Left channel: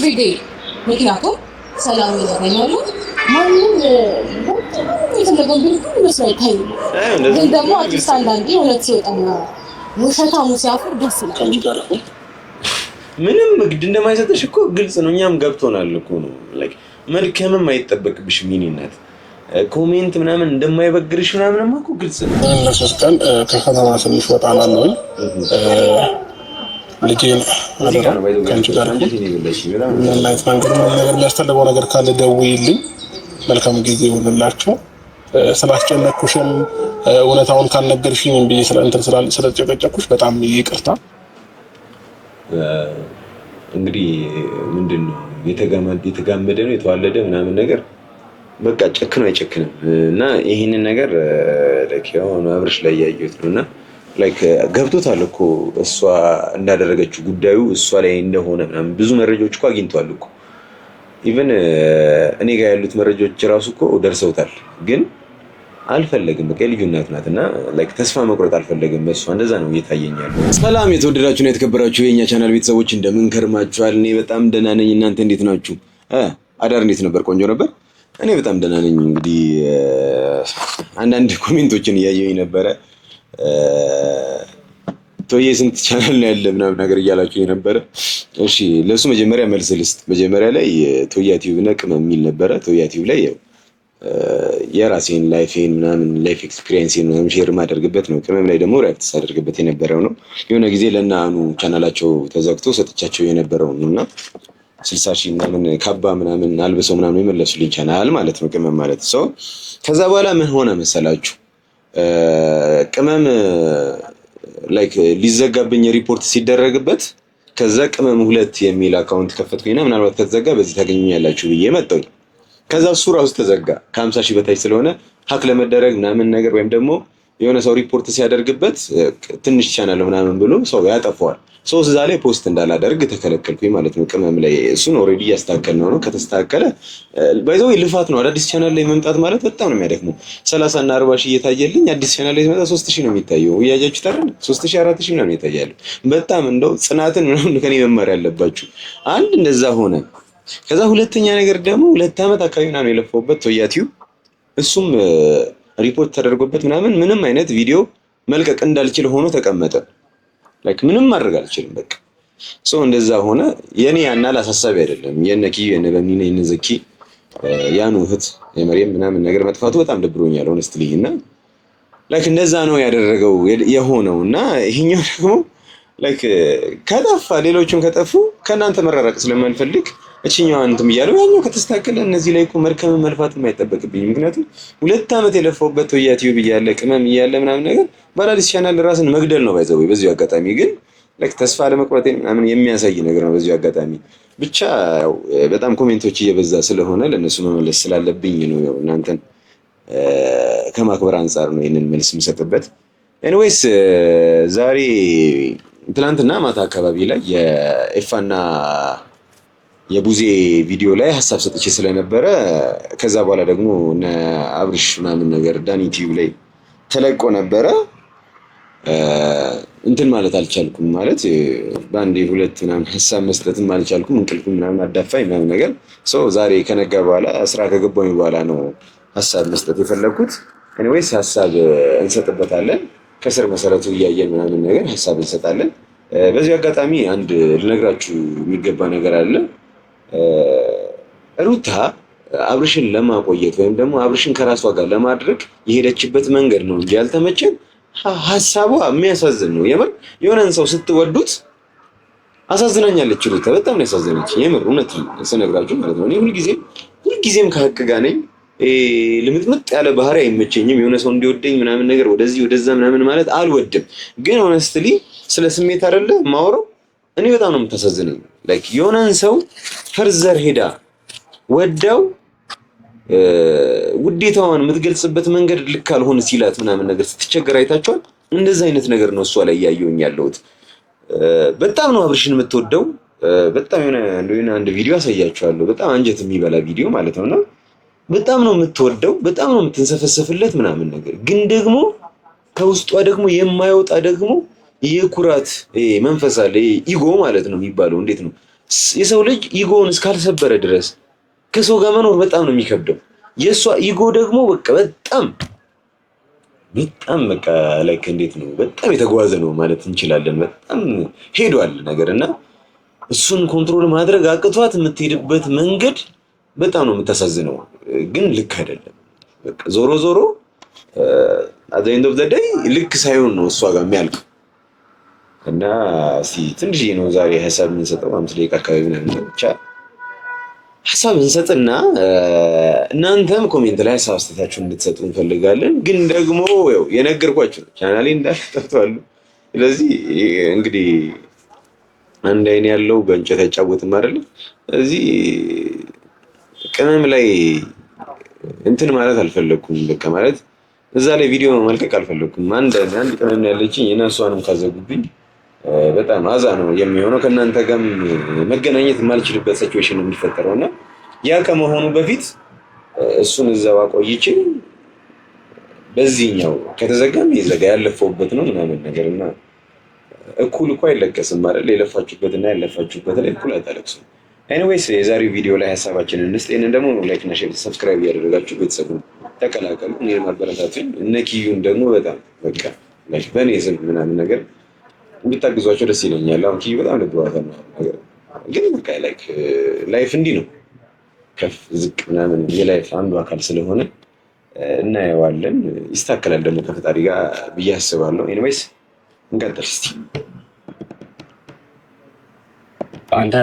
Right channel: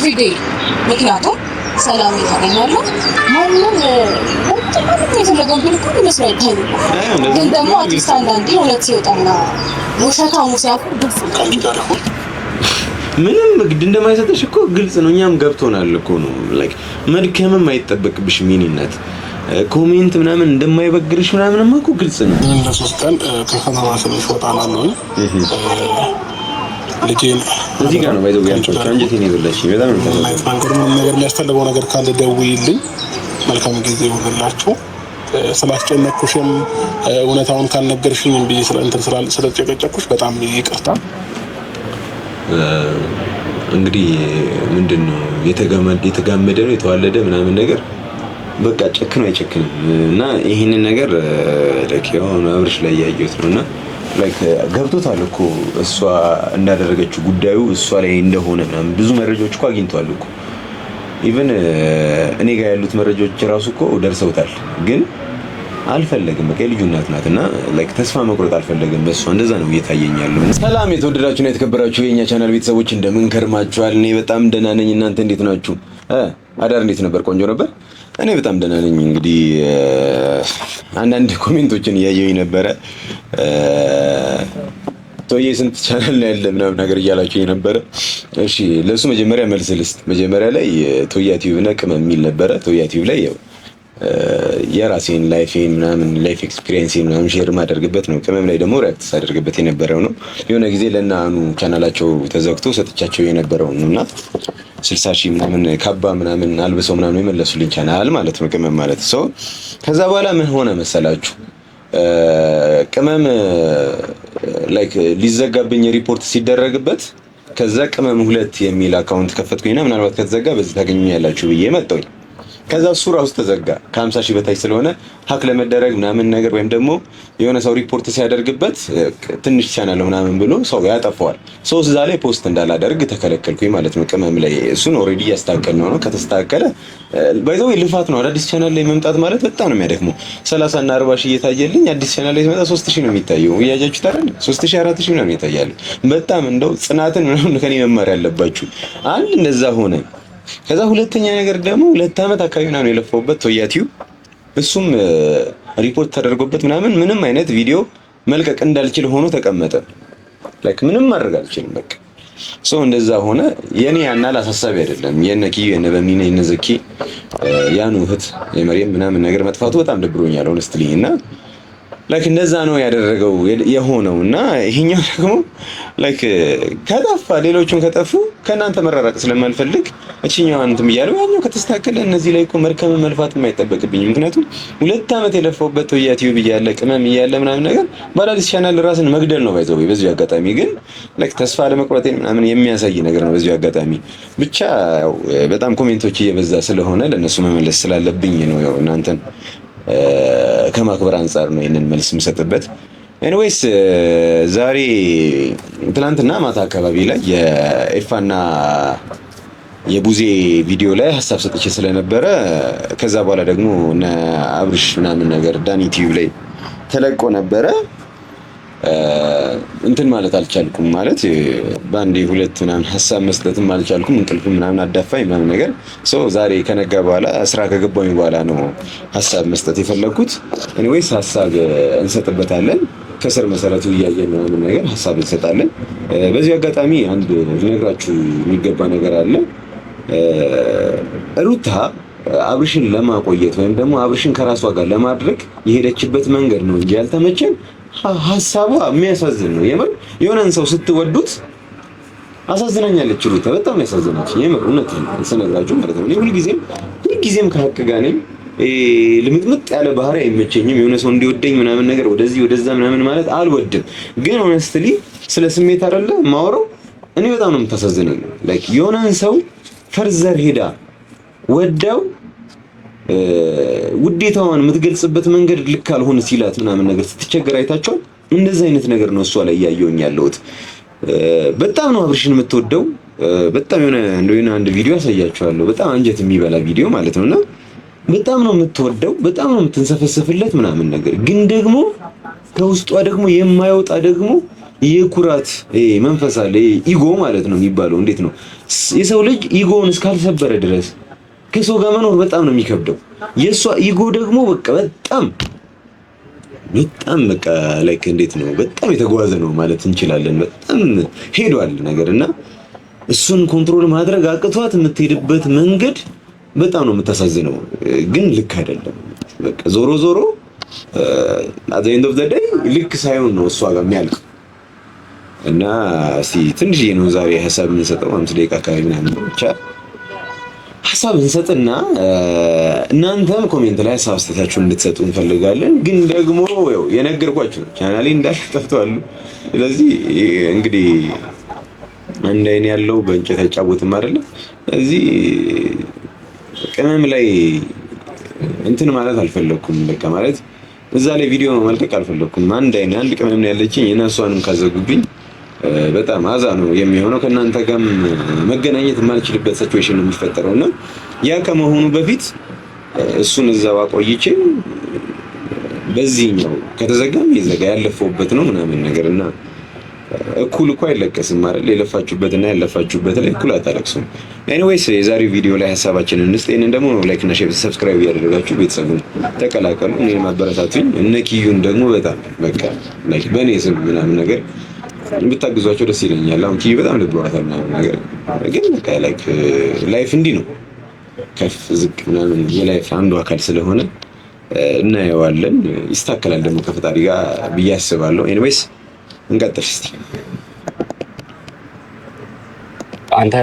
ኤቭሪዴይ ምክንያቱም ሰላም ያገኛሉ ማንንም የፈለገውን ቢልኩ ይመስላል አይታይም ግን ደግሞ አርቲስት አንዳንዴ እውነት ሲወጣና ውሸታሙ ሲያፍር ደስ ይላል ምንም ግድ እንደማይሰጥሽ እኮ ግልጽ ነው እኛም ገብቶናል እኮ ነው ላይክ መልከምም አይጠበቅብሽ ሚኒነት ኮሜንት ምናምን እንደማይበግርሽ ምናምን እኮ ግልጽ ነው ለሶስት ቀን ከከተማ ትንሽ ወጣ አላለሁ ልጄን ነው ባይዘው ነገር የሚያስፈልገው ነገር ካለ ደውይልኝ መልካም ጊዜ ይሁንላችሁ ስላስጨነቅኩሽም እውነታውን ካልነገርሽኝ እንብዬ ስለጨቀጨቅኩሽ በጣም ይቅርታ እንግዲህ ምንድነው የተጋመደ ነው የተዋለደ ምናምን ነገር በቃ ጨክኖ አይጨክንም እና ይሄንን ነገር ለኪያው ነው አብርሽ ላይ ያየሁት ነውና ላይክ ገብቶታል እኮ እሷ እንዳደረገችው ጉዳዩ እሷ ላይ እንደሆነ ብዙ መረጃዎች እኮ አግኝቷል እኮ ኢቭን እኔ ጋር ያሉት መረጃዎች ራሱ እኮ ደርሰውታል ግን አልፈለግም በቃ ልጁ እናት ናትና ላይክ ተስፋ መቁረጥ አልፈለግም በሷ እንደዛ ነው እየታየኛለሁ ሰላም የተወደዳችሁ ነው የተከበራችሁ የኛ ቻናል ቤተሰቦች እንደምን ከርማችኋል እኔ በጣም ደህና ነኝ እናንተ እንዴት ናችሁ አዳር እንዴት ነበር ቆንጆ ነበር እኔ በጣም ደህና ነኝ እንግዲህ አንዳንድ ኮሜንቶችን እያየሁኝ ነበረ ቶዬ ስንት ቻናል ነው ያለ ምናምን ነገር እያላችሁኝ ነበረ እሺ ለሱ መጀመሪያ መልስ ልስጥ መጀመሪያ ላይ ቶያ ቲዩብ ነቅም የሚል ነበረ ቶያ ቲዩብ ላይ ያው የራሴን ላይፌን ምናምን ላይፍ ኤክስፒሪየንስን ምናምን ሼር ማደርግበት ነው ቅመም ላይ ደግሞ ሪአክት ሳደርግበት የነበረው ነው የሆነ ጊዜ ለናኑ ቻናላቸው ተዘግቶ ሰጥቻቸው የነበረው ነውና 60,000 ምናምን ካባ ምናምን አልበሰው ምናምን የመለሱልኝ ቻናል ማለት ነው ቅመም ማለት ሰው ከዛ በኋላ ምን ሆነ መሰላችሁ ቅመም ላይክ ሊዘጋብኝ ሪፖርት ሲደረግበት ከዛ ቅመም 2 የሚል አካውንት ከፈትኩኝና ምናልባት ከተዘጋ በዚህ ታገኙኛላችሁ ብዬ መጣሁኝ ከዛ ሱራ ውስጥ ተዘጋ ከ50,000 በታች ስለሆነ ሀክ ለመደረግ ምናምን ነገር ወይም ደግሞ የሆነ ሰው ሪፖርት ሲያደርግበት ትንሽ ቻናል ምናምን ብሎ ሰው ያጠፋዋል ሰው እዛ ላይ ፖስት እንዳላደርግ ተከለከልኩኝ ማለት ነው ቅመም ላይ እሱን ኦሬዲ ያስተካከልነው ነው ከተስተካከለ ባይዘው ልፋት ነው አዲስ ቻናል ላይ መምጣት ማለት በጣም ነው የሚያደክመው 30 እና 40 ሺህ እየታየልኝ አዲስ ቻናል ላይ ሲመጣ 3000 ነው የሚታየው ያያችሁ ታዲያ 3000 4000 ነው የሚታያል በጣም እንደው ጽናትን ነው ከኔ መማር ያለባችሁ አንድ እንደዛ ሆነ ከዛ ሁለተኛ ነገር ደግሞ 2 አመት አካባቢ ነው የለፈውበት ቶያ ቲዩብ እሱም ሪፖርት ተደርጎበት ምንም አይነት ቪዲዮ መልቀቅ እንዳልችል ሆኖ ተቀመጠ ላይክ ምንም ማድረግ አልችልም በቃ ሶ እንደዛ ሆነ የኔ ያናል አሳሳቢ አይደለም የነኪ የነበሚና የነዘኪ ያኑ እህት የመሪም ምናምን ነገር መጥፋቱ በጣም ደብሮኛል ሆነስትሊ እና ላይክ እንደዛ ነው ያደረገው የሆነውና ይሄኛው ደግሞ ላይክ ከጠፋ ሌሎቹም ከጠፉ ከናንተ መራራቅ ስለማልፈልግ እቺኛው አንተም ይያለው ያኛው ከተስተካከለ እነዚህ ላይ እኮ መርከም መልፋት የማይጠበቅብኝ ምክንያቱም 2 አመት የለፈውበት ቶያ ቲዩብ ይያለ ቅመም ይያለ ምናምን ነገር ባላዲስ ቻናል ራስን መግደል ነው ባይዘው በዚህ አጋጣሚ ግን ላይክ ተስፋ ለመቁረጤን ምናምን የሚያሳይ ነገር ነው በዚህ አጋጣሚ ብቻ በጣም ኮሜንቶች እየበዛ ስለሆነ ለነሱ መመለስ ስላለብኝ ነው ያው እናንተን ከማክበር አንፃር ነው ይሄንን መልስ የምሰጥበት ኤኒዌይስ ዛሬ ትናንትና ማታ አካባቢ ላይ የኤፋና የቡዜ ቪዲዮ ላይ ሐሳብ ሰጥቼ ስለነበረ ከዛ በኋላ ደግሞ እነ አብርሽ ምናምን ነገር ዳኒ ቲዩብ ላይ ተለቆ ነበረ እንትን ማለት አልቻልኩም ማለት ባንዴ ሁለት ምናምን ሐሳብ መስጠትም አልቻልኩም እንቅልፍ ምናምን አዳፋኝ ምናምን ነገር ሶ ዛሬ ከነጋ በኋላ ስራ ከገባሁኝ በኋላ ነው ሐሳብ መስጠት የፈለኩት ኤኒዌይስ ሐሳብ እንሰጥበታለን ከስር መሰረቱ እያየን ምናምን ነገር ሐሳብ እንሰጣለን በዚህ አጋጣሚ አንድ ልነግራችሁ የሚገባ ነገር አለ ሩታ አብርሽን ለማቆየት ወይም ደግሞ አብርሽን ከራሷ ጋር ለማድረግ የሄደችበት መንገድ ነው እንጂ ያልተመቸን ሐሳቧ የሚያሳዝን ነው የምር የሆነን ሰው ስትወዱት አሳዝናኛለች ሩታ በጣም ነው ያሳዝነች የምር እውነት ነው ስለነግራችሁ ማለት ነው እኔ ሁልጊዜም ከሀቅ ጋር ነኝ ልምጥምጥ ያለ ባህሪ አይመቸኝም የሆነ ሰው እንዲወደኝ ምናምን ነገር ወደዚህ ወደዛ ምናምን ማለት አልወድም ግን ሆነስትሊ ስለ ስሜት አይደለ ማውራው እኔ በጣም ነው የምታሳዝነኝ ላይክ የሆነን ሰው ፈርዘር ሄዳ ወዳው ውዴታዋን የምትገልጽበት መንገድ ልክ አልሆነ ሲላት ምናምን ነገር ስትቸገር አይታችኋል እንደዚህ አይነት ነገር ነው እሷ ላይ ያየውኝ ያለሁት በጣም ነው አብርሽን የምትወደው በጣም የሆነ አንድ ቪዲዮ አሳያችኋለሁ በጣም አንጀት የሚበላ ቪዲዮ ማለት ነውና በጣም ነው የምትወደው በጣም ነው የምትንሰፈሰፍለት ምናምን ነገር ግን ደግሞ ከውስጧ ደግሞ የማይወጣ ደግሞ የኩራት መንፈስ አለ። ኢጎ ማለት ነው የሚባለው። እንዴት ነው የሰው ልጅ ኢጎውን እስካልሰበረ ድረስ ከሰው ጋር መኖር በጣም ነው የሚከብደው። የሷ ኢጎ ደግሞ በጣም በቃ ላይክ እንዴት ነው በጣም የተጓዘ ነው ማለት እንችላለን። በጣም ሄዷል ነገርና እሱን ኮንትሮል ማድረግ አቅቷት የምትሄድበት መንገድ በጣም ነው የምታሳዝነው። ግን ልክ አይደለም። በቃ ዞሮ at the end of the day ልክ ሳይሆን ነው እሷ ጋር የሚያልቀው። እና እስቲ ትንሽ ነው ዛሬ ሐሳብ እንሰጠው 5 ደቂቃ አካባቢ ምናምን ብቻ ሐሳብ እንሰጥና እናንተም ኮሜንት ላይ ሐሳብ አስተያየታችሁን እንድትሰጡ እንፈልጋለን። ግን ደግሞ ያው የነገርኳችሁ ነው ቻናሌ እንዳትጠፍቷል። ስለዚህ እንግዲህ አንድ አይን ያለው በእንጨት አይጫወትም አይደል? ስለዚህ ቅመም ላይ እንትን ማለት አልፈለኩም። በቃ ማለት እዛ ላይ ቪዲዮ መልቀቅ አልፈለኩም። አንድ ቅመም ያለችኝ እና እሷንም ካዘጉብኝ በጣም አዛ ነው የሚሆነው። ከእናንተ ጋርም መገናኘት የማልችልበት ሲቹዌሽን ነው የሚፈጠረውና ያ ከመሆኑ በፊት እሱን እዛው አቆይቼ በዚህኛው ከተዘጋም ይዘጋ ያለፈውበት ነው ምናምን ነገርና እኩል እኮ አይለቀስም አይደል? የለፋችሁበትና ያለፋችሁበት ላይ እኩል አታለቅሱም። ኤኒዌይስ የዛሬው ቪዲዮ ላይ ሐሳባችንን እንስጥ። ይሄንን ደግሞ ላይክ እና ሼር ሰብስክራይብ ያደረጋችሁ ቤተሰቡን ተቀላቀሉ። እኔን ማበረታቱኝ እነ ኪዩን ደግሞ በጣም በቃ ላይክ በእኔ ስም ምናምን ነገር ብታግዟቸው ደስ ይለኛል። አሁን ኪዩ በጣም ልብዋታል ምናምን ነገር ግን በቃ ላይፍ እንዲህ ነው። ከፍ ዝቅ ምናምን የላይፍ አንዱ አካል ስለሆነ እናየዋለን። ይስተካከላል ደግሞ ከፈጣሪ ጋር ብዬ አስባለሁ። ኤኒዌይስ እንቀጥል እስቲ። አንተ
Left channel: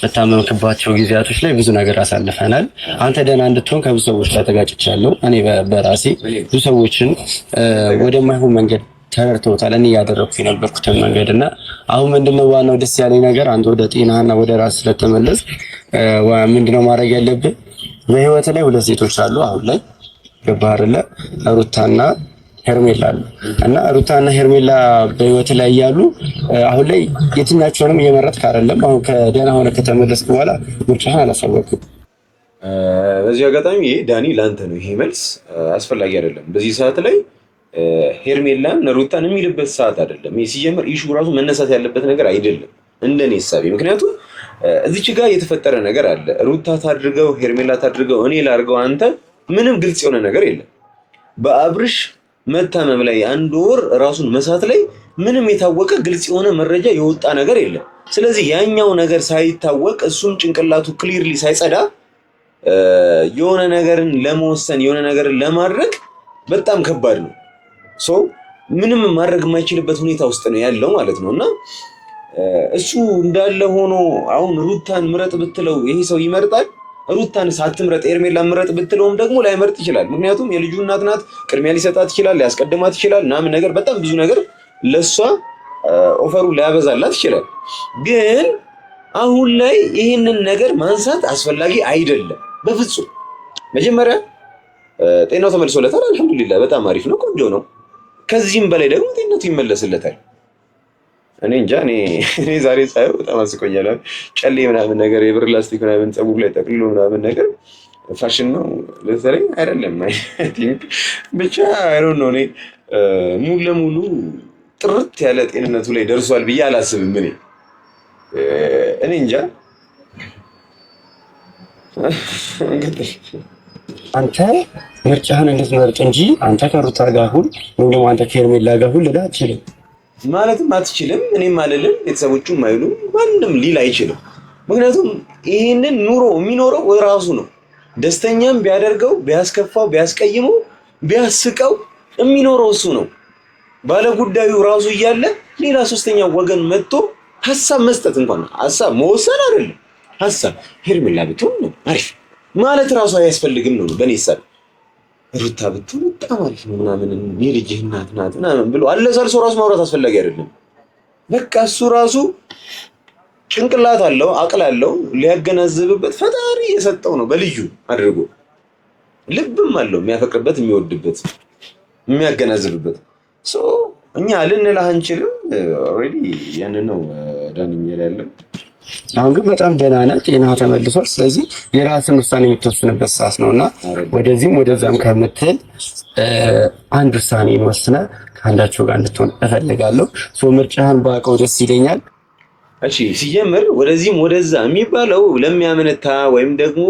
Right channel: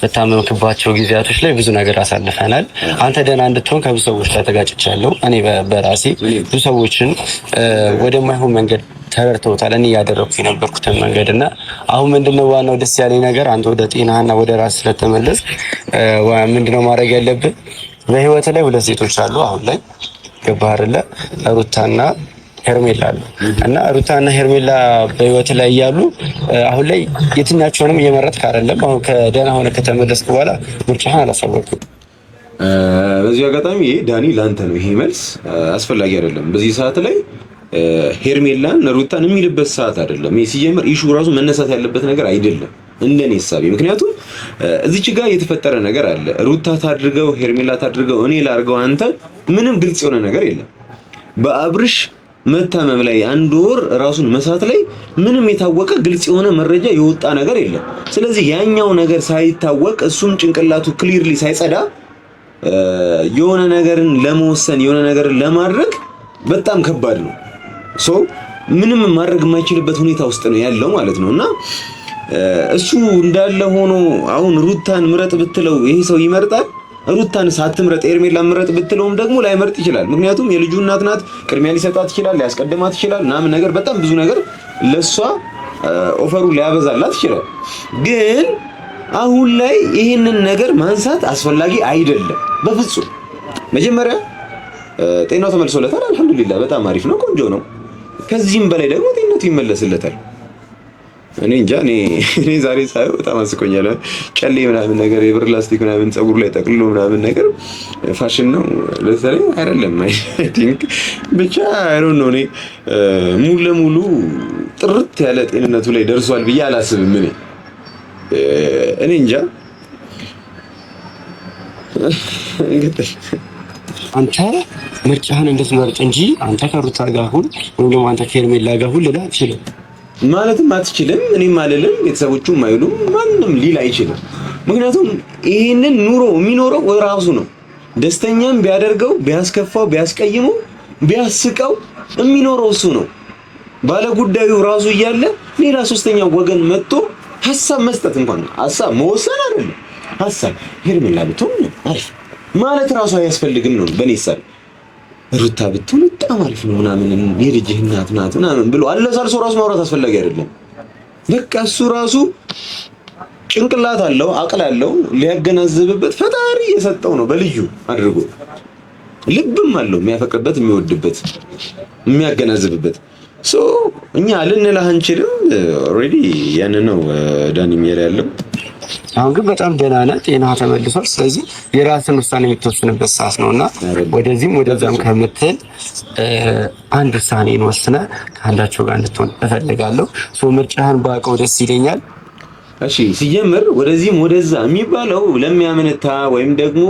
በታመምክባቸው ጊዜያቶች ላይ ብዙ ነገር አሳልፈናል። አንተ ደህና እንድትሆን ከብዙ ሰዎች ጋር ተጋጭቻለሁ። እኔ በራሴ ብዙ ሰዎችን ወደማይሆን መንገድ ተረድተውታል። እኔ ያደረኩት የነበርኩትን መንገድ እና አሁን ምንድነው ዋናው ደስ ያለኝ ነገር አንተ ወደ ጤናህና ወደ ራስ ስለተመለስ ምንድነው ማድረግ ያለብህ? በህይወት ላይ 2 ሴቶች አሉ አሁን ላይ ገባህ አይደለ? ሩታና ሄርሜላ አሉ እና ሩታና ሄርሜላ በህይወት ላይ ያሉ አሁን ላይ የትኛቸውንም እየመረጥክ አይደለም። አሁን ከደህና ሆነ ከተመለስክ በኋላ ምርጫህን አላሳወቅም። በዚህ አጋጣሚ ዳኒ ላንተ ነው ይሄ መልስ። አስፈላጊ አይደለም በዚህ ሰዓት ላይ ሄርሜላን ሩታን የሚልበት ሰዓት አይደለም። ይሄ ሲጀምር ኢሹ ራሱ መነሳት ያለበት ነገር አይደለም እንደኔ ሐሳቤ። ምክንያቱም እዚች ጋር የተፈጠረ ነገር አለ። ሩታ ታድርገው ሄርሜላ ታድርገው እኔ ላርገው አንተ ምንም ግልጽ የሆነ ነገር የለም። በአብርሽ መታመም ላይ 1 ወር ራሱን መሳት ላይ ምንም የታወቀ ግልጽ የሆነ መረጃ የወጣ ነገር የለም። ስለዚህ ያኛው ነገር ሳይታወቅ እሱም ጭንቅላቱ ክሊርሊ ሳይጸዳ የሆነ ነገርን ለመወሰን የሆነ ነገርን ለማድረግ በጣም ከባድ ነው። ምንም ማድረግ የማይችልበት ሁኔታ ውስጥ ነው ያለው ማለት ነውና እሱ እንዳለ ሆኖ አሁን ሩታን ምረጥ ብትለው ይሄ ሰው ይመርጣል? ሩታን ሳትምረጥ ሄርሜላ ምረጥ ብትለውም ደግሞ ላይመርጥ ይችላል። ምክንያቱም የልጁ እናት ናት፣ ቅድሚያ ሊሰጣት ይችላል፣ ሊያስቀድማት ይችላል ምናምን ነገር በጣም ብዙ ነገር ለሷ ኦፈሩ ሊያበዛላት ይችላል። ግን አሁን ላይ ይህንን ነገር ማንሳት አስፈላጊ አይደለም በፍጹም። መጀመሪያ ጤናው ተመልሶለታል፣ አልሐምዱሊላህ በጣም አሪፍ ነው፣ ቆንጆ ነው። ከዚህም በላይ ደግሞ ጤንነቱ ይመለስለታል። እኔ እንጃ እኔ ዛሬ ሳየው በጣም አስቆኛል። ጨሌ ምናምን ነገር የብር ላስቲክ ምናምን ፀጉሩ ላይ ጠቅልሎ ምናምን ነገር ፋሽን ነው ለሰሪ አይደለም። አይ ቲንክ ብቻ አይሮን ነው። እኔ ሙሉ ለሙሉ ጥርት ያለ ጤንነቱ ላይ ደርሷል ብዬ አላስብም። እኔ እንጃ እንግዲህ አንተ ምርጫህን እንድትመርጥ እንጂ አንተ ከሩታ ጋር ሁን ወይም ደግሞ አንተ ከሄርሜላ ጋር ሁን ልልህ አትችልም። ማለትም አትችልም፣ እኔም አልልም፣ ቤተሰቦቹም አይሉም፣ ማንም ሊል አይችልም። ምክንያቱም ይሄንን ኑሮ የሚኖረው ራሱ ነው። ደስተኛም ቢያደርገው ቢያስከፋው ቢያስቀይመው ቢያስቀው የሚኖረው እሱ ነው። ባለጉዳዩ ራሱ እያለ ሌላ ሶስተኛ ወገን መጥቶ ሐሳብ መስጠት እንኳን ሐሳብ መወሰን አይደለም ሐሳብ ሄርሜላ ብትሆን አሪፍ ማለት ራሱ አያስፈልግም ነው በኔ ሐሳብ። ሩታ ብትሆን በጣም አሪፍ ነው ምናምን የልጅህ እናት ናት ምናምን ብሎ አለሳልሶ ራሱ ማውራት አስፈላጊ አይደለም። በቃ እሱ ራሱ ጭንቅላት አለው አቅል አለው ሊያገናዝብበት ፈጣሪ የሰጠው ነው በልዩ አድርጎ። ልብም አለው የሚያፈቅርበት የሚወድበት የሚያገናዝብበት። እኛ ልንልህ አንችልም። ኦልሬዲ ያን ነው ዳኒ የሚል ያለው። አሁን ግን በጣም ደህና ነህ፣ ጤናህ ተመልሷል። ስለዚህ የራስን ውሳኔ የምትወስንበት ሰዓት ነውና ወደዚህም ወደዛም ከምትል አንድ ውሳኔን ወስነህ ከአንዳቸው ጋር እንድትሆን እፈልጋለሁ። ምርጫህን ባውቀው ደስ ይለኛል። እሺ ሲጀምር ወደዚህም ወደዛ የሚባለው ለሚያመነታ ወይም ደግሞ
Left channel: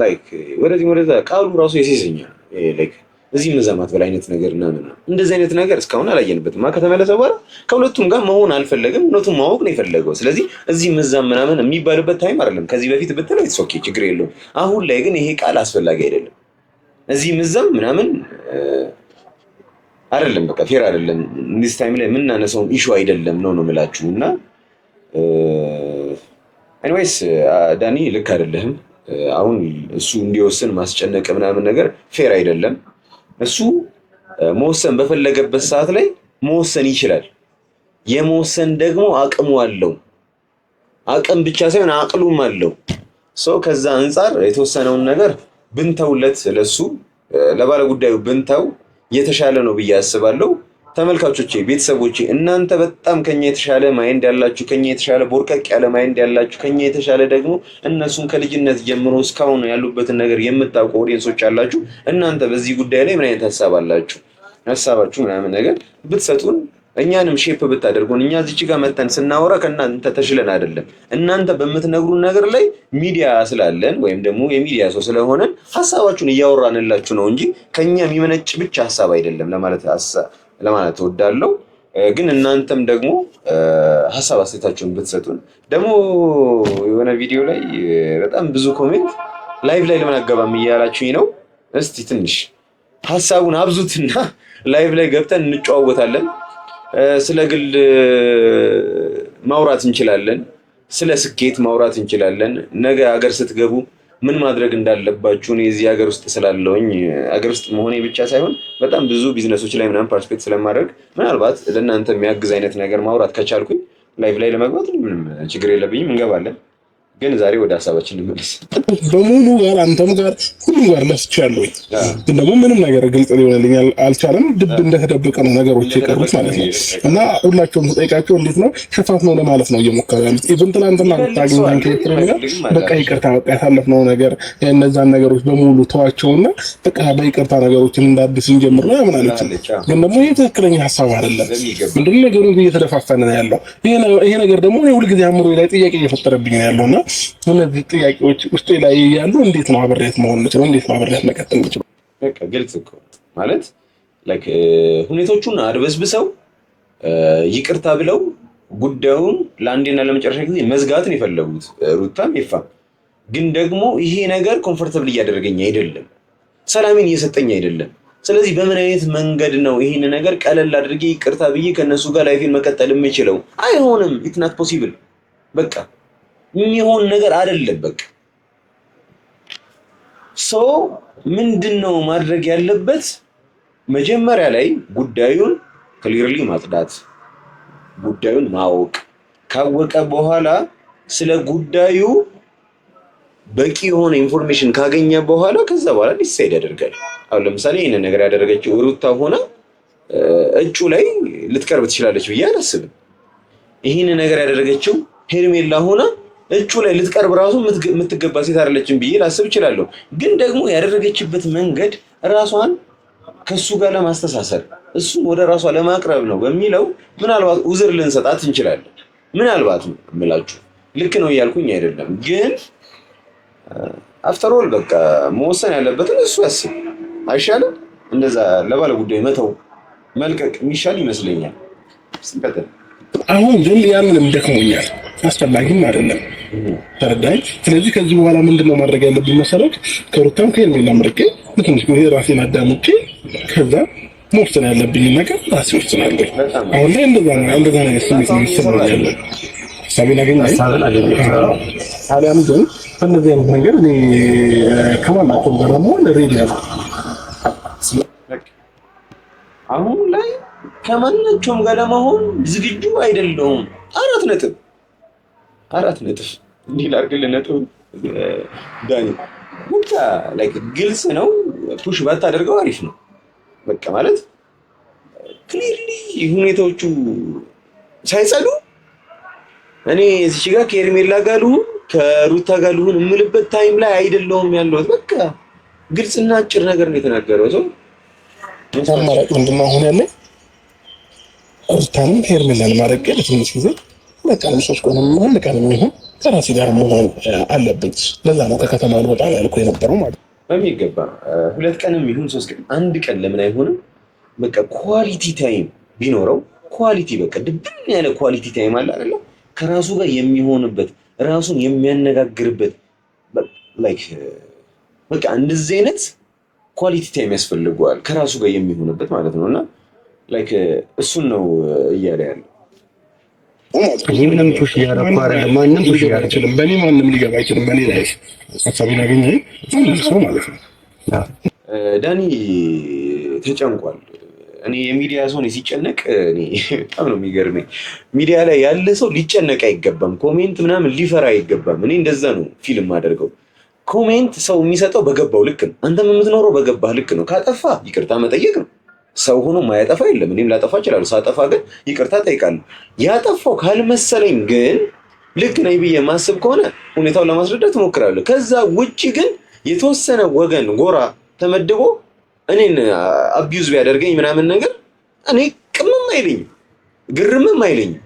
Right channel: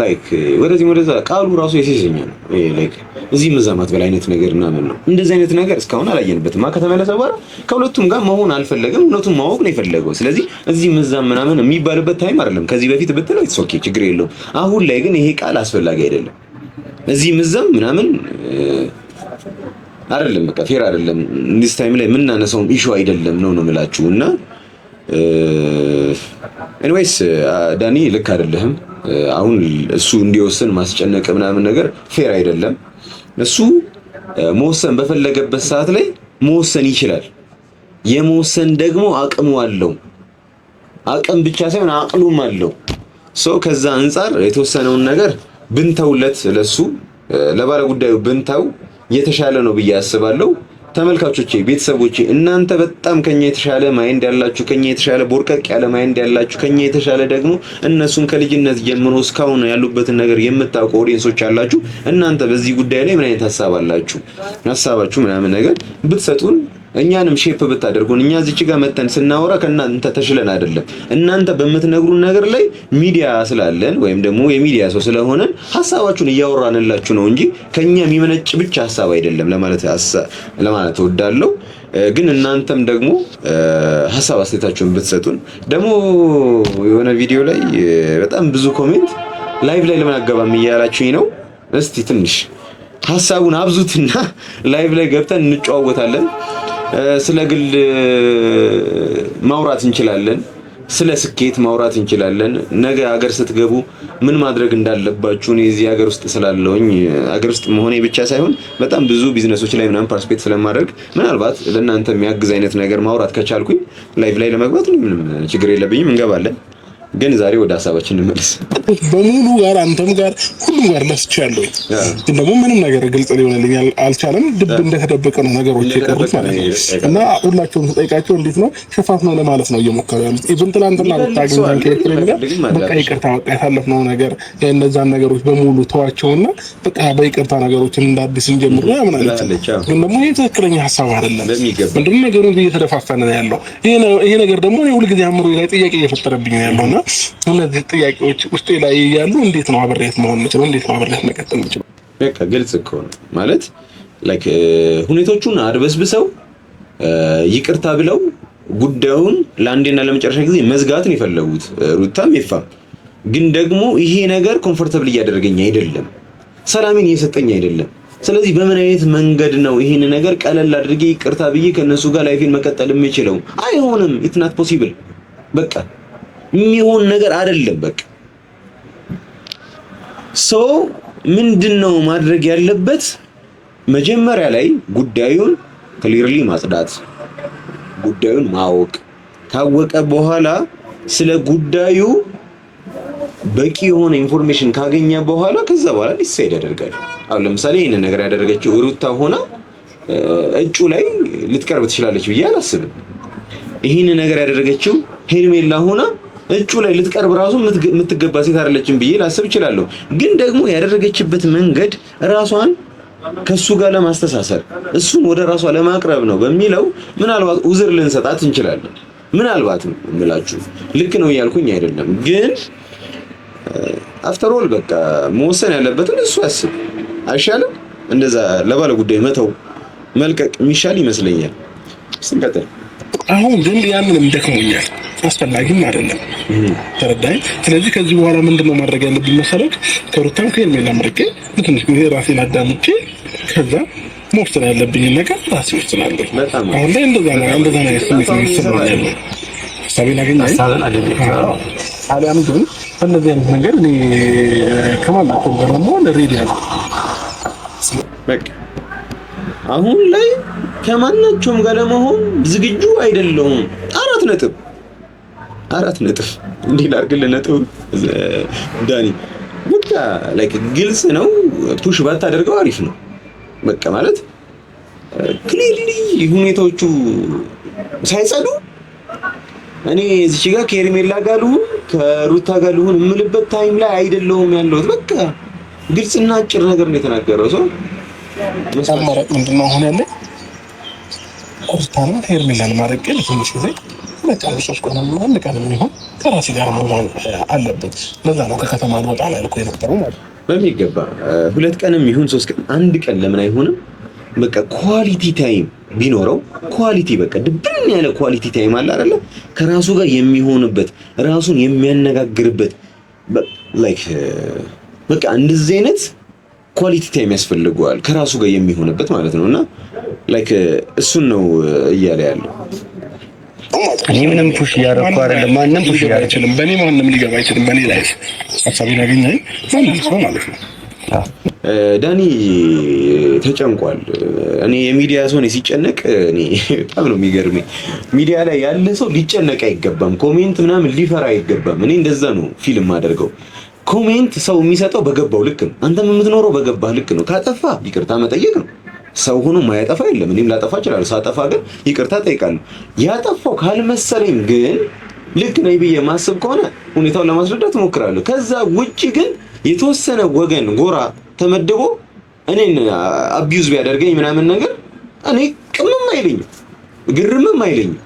ላይክ ወደዚህም ወደዛ ቃሉ ራሱ የሴሰኛ ነው። ላይክ እዚህ መዛማት በላይ አይነት ነገር ምናምን ነው። እንደዚህ አይነት ነገር እስካሁን አላየንበትም። ከተመለሰ በኋላ ከሁለቱም ጋር መሆን አልፈለገም። እውነቱን ማወቅ ነው የፈለገው። ስለዚህ እዚህ መዛም ምናምን የሚባልበት ታይም አይደለም። ከዚህ በፊት ብትለው ኢትስ ኦኬ ችግር የለውም። አሁን ላይ ግን ይሄ ቃል አስፈላጊ አይደለም። እዚህ መዛም ምናምን አይደለም። በቃ ፌር አይደለም። እንዲስ ታይም ላይ የምናነሳውም ኢሹ አይደለም ነው የምላችሁ። እና ኤኒዌይስ ዳኒ ልክ አይደለህም። አሁን እሱ እንዲወስን ማስጨነቅ ምናምን ነገር ፌር አይደለም። እሱ መወሰን በፈለገበት ሰዓት ላይ መወሰን ይችላል። የመወሰን ደግሞ አቅሙ አለው። አቅም ብቻ ሳይሆን አቅሉም አለው። ከዛ አንፃር የተወሰነውን ነገር ብንተውለት ለሱ ለባለ ጉዳዩ ብንተው የተሻለ ነው ብዬ አስባለሁ። ተመልካቾቼ፣ ቤተሰቦቼ እናንተ በጣም ከኛ የተሻለ ማይንድ ያላችሁ፣ ከኛ የተሻለ ቦርቀቅ ያለ ማይንድ ያላችሁ፣ ከኛ የተሻለ ደግሞ እነሱም ከልጅነት ጀምሮ እስካሁን ያሉበትን ነገር የምታውቁ ኦዲየንሶች አላችሁ። እናንተ በዚህ ጉዳይ ላይ ምን አይነት ሐሳብ አላችሁ? ሐሳባችሁ ምናምን ነገር ብትሰጡን እኛንም ሼፕ ብታደርጉን። እኛ እዚች ጋር መተን ስናወራ ከእናንተ ተሽለን አይደለም። እናንተ በምትነግሩን ነገር ላይ ሚዲያ ስላለን ወይም ደግሞ የሚዲያ ሰው ስለሆነን ሐሳባችሁን እያወራንላችሁ ነው እንጂ ከኛ የሚመነጭ ብቻ ሐሳብ አይደለም ለማለት እወዳለሁ። ግን እናንተም ደግሞ ሐሳብ አስተያየታችሁን ብትሰጡን። ደግሞ የሆነ ቪዲዮ ላይ በጣም ብዙ ኮሜንት ላይቭ ላይ ለምን አገባም እያላችሁኝ ነው። እስቲ ትንሽ ሐሳቡን አብዙትና ላይቭ ላይ ገብተን እንጨዋወታለን። ስለ ግል ማውራት እንችላለን። ስለ ስኬት ማውራት እንችላለን። ነገ ሀገር ስትገቡ ምን ማድረግ እንዳለባችሁ እኔ እዚህ ሀገር ውስጥ ስላለውኝ ሀገር ውስጥ መሆኔ ብቻ ሳይሆን በጣም ብዙ ቢዝነሶች ላይ ምናምን ፓርቲሲፔት ስለማድረግ ምናልባት ለእናንተ የሚያግዝ አይነት ነገር ማውራት ከቻልኩኝ ላይቭ ላይ ለመግባት ምንም ችግር የለብኝም። እንገባለን። ግን ዛሬ ወደ ሀሳባችን እንመለስ። በሙሉ ጋር አንተም ጋር ሁሉም ጋር ለስቻለሁ። ግን ደግሞ ምንም ነገር ግልጽ ሊሆንልኝ አልቻለም። ድብ እንደተደበቀ ነው ነገሮች የቀሩት ማለት ነው። እና ሁላቸውም ተጠይቃቸው እንዴት ነው ሸፋፍ ነው ለማለት ነው እየሞከሩ ያሉት። ኢቭን ትናንትና ብታገኝታን ከኤርትራ ጋር በቃ ይቅርታ በቃ ያሳለፍነው ነገር እነዛን ነገሮች በሙሉ ተዋቸውና በቃ በይቅርታ ነገሮችን እንዳዲስ እንጀምር ነው ምን አለች። ግን ደግሞ ይሄ ትክክለኛ ሀሳብ አይደለም። ምንድነው ነገሩ እየተደፋፈነ ነው ያለው። ይሄ ነገር ደግሞ ሁልጊዜ አእምሮ ላይ ጥያቄ እየፈጠረብኝ ነው ያለውና እነዚህ ጥያቄዎች ውስጤ ላይ ያሉ እንዴት ነው አብሬት መሆን የምችለው? እንዴት ነው አብሬት መቀጠል የምችለው? በቃ ግልጽ እኮ ነው ማለት ላይክ ሁኔታዎቹን አድበስብሰው ይቅርታ ብለው ጉዳዩን ለአንዴና ለመጨረሻ ጊዜ መዝጋትን የፈለጉት ሩታም ይፋም። ግን ደግሞ ይሄ ነገር ኮምፎርታብል እያደረገኝ አይደለም፣ ሰላሜን እየሰጠኝ አይደለም። ስለዚህ በምን አይነት መንገድ ነው ይሄን ነገር ቀለል አድርጌ ይቅርታ ብዬ ከነሱ ጋር ላይፌን መቀጠል የምችለው? አይሆንም። ኢትስ ናት ፖሲብል። በቃ የሚሆን ነገር አይደለም። በቃ ሰው ምንድነው ማድረግ ያለበት? መጀመሪያ ላይ ጉዳዩን ክሊርሊ ማጽዳት፣ ጉዳዩን ማወቅ፣ ካወቀ በኋላ ስለ ጉዳዩ በቂ የሆነ ኢንፎርሜሽን ካገኘ በኋላ ከዛ በኋላ ዲሳይድ ያደርጋል። አሁን ለምሳሌ ይሄንን ነገር ያደረገችው ሩታ ሆና እጩ ላይ ልትቀርብ ትችላለች ብዬ አላስብም። ይሄን ነገር ያደረገችው ሄርሜላ ሆና እጩ ላይ ልትቀርብ ራሱ የምትገባ ሴት አይደለችም ብዬ ላስብ እችላለሁ። ግን ደግሞ ያደረገችበት መንገድ ራሷን ከሱ ጋር ለማስተሳሰር እሱን ወደ ራሷ ለማቅረብ ነው በሚለው ምናልባት ኡዝር ልንሰጣት እንችላለን። ምናልባት እምላችሁ ልክ ነው እያልኩኝ አይደለም። ግን አፍተር ኦል በቃ መወሰን ያለበትን እሱ ያስብ አይሻልም? እንደዛ ለባለ ጉዳይ መተው መልቀቅ የሚሻል ይመስለኛል። ስንቀጥል አሁን ግን ያንንም ደክሞኛል፣ አስፈላጊም አይደለም። ተረዳኝ። ስለዚህ ከዚህ በኋላ ምንድነው ማድረግ ያለብኝ መሰለህ? ከሩታም ከሄርሜላም ርቄ ትንሽ ጊዜ ራሴን አዳምጬ ከዛ መወሰን ያለብኝ ነገር ራሴ ወስናለሁ። አሁን ላይ እንደዛ ነው ስሜት ነው የሚሰማኝ። ሀሳቤን አገኘኝ አሊያም ግን በእነዚህ አይነት መንገድ እኔ ከማናቸውም ጋር መሆን ሬዲ ነው። አሁን ላይ ከማናቸውም ጋር ለመሆን ዝግጁ አይደለሁም። አራት ነጥብ እንዲህ ላድርግልህ ነጥብ ዳኒ በቃ ላይክ ግልጽ ነው። ፑሽ ባታደርገው አሪፍ ነው። በቃ ማለት ክሊርሊ ሁኔታዎቹ ሳይጸዱ እኔ እዚች ጋር ከሄርሜላ ጋር ልሁን ከሩታ ጋር ልሁን የምልበት ታይም ላይ አይደለሁም ያለሁት። በቃ ግልጽና አጭር ነገር ነው የተናገረው ሰው። አማራጭ ምንድነው አሁን ያለ ሩታን ሄርሜላን ማድረግ ለትንሽ ጊዜ ለቃል ሶስት ቀን አንድ ቀን ነው ከራሴ ጋር መሆን አለብኝ። ለዛ ነው ከከተማ ልወጣ ያልኩ የነበረው ማለት ነው። በሚገባ 2 ቀንም ይሁን 3 ቀን አንድ ቀን ለምን አይሆንም? በቃ ኳሊቲ ታይም ቢኖረው ኳሊቲ በቃ ድብን ያለ ኳሊቲ ታይም አለ አይደለ? ከራሱ ጋር የሚሆንበት ራሱን የሚያነጋግርበት ላይክ በቃ እንደዚህ አይነት ኳሊቲ ታይም ያስፈልገዋል ከራሱ ጋር የሚሆንበት ማለት ነውና ላይክ እሱን ነው እያለ ያለው። እኔ ምንም ፑሽ ያረኩ አይደለም። ማንንም ፑሽ ያረችልም በእኔ ማንንም ሊገባ አይችልም። በእኔ ላይ ሀሳቡን ያገኘኝ ማንም ሰው ማለት ነው። ዳኒ ተጨንቋል። እኔ የሚዲያ ሰው ነኝ ሲጨነቅ እኔ በጣም ነው የሚገርመኝ። ሚዲያ ላይ ያለ ሰው ሊጨነቅ አይገባም። ኮሜንት ምናምን ሊፈራ አይገባም። እኔ እንደዛ ነው ፊልም አደርገው። ኮሜንት ሰው የሚሰጠው በገባው ልክ ነው። አንተም የምትኖረው በገባህ ልክ ነው። ካጠፋ ይቅርታ መጠየቅ ነው። ሰው ሆኖ ማያጠፋ የለም። እኔም ላጠፋ እችላለሁ። ሳጠፋ ግን ይቅርታ ጠይቃለሁ። ያጠፋው ካልመሰለኝ ግን ልክ ነኝ ብዬ ማስብ ከሆነ ሁኔታውን ለማስረዳት እሞክራለሁ። ከዛ ውጪ ግን የተወሰነ ወገን ጎራ ተመድቦ እኔን አቢዩዝ ቢያደርገኝ ምናምን ነገር እኔ ቅምም አይለኝም፣ ግርምም አይለኝም።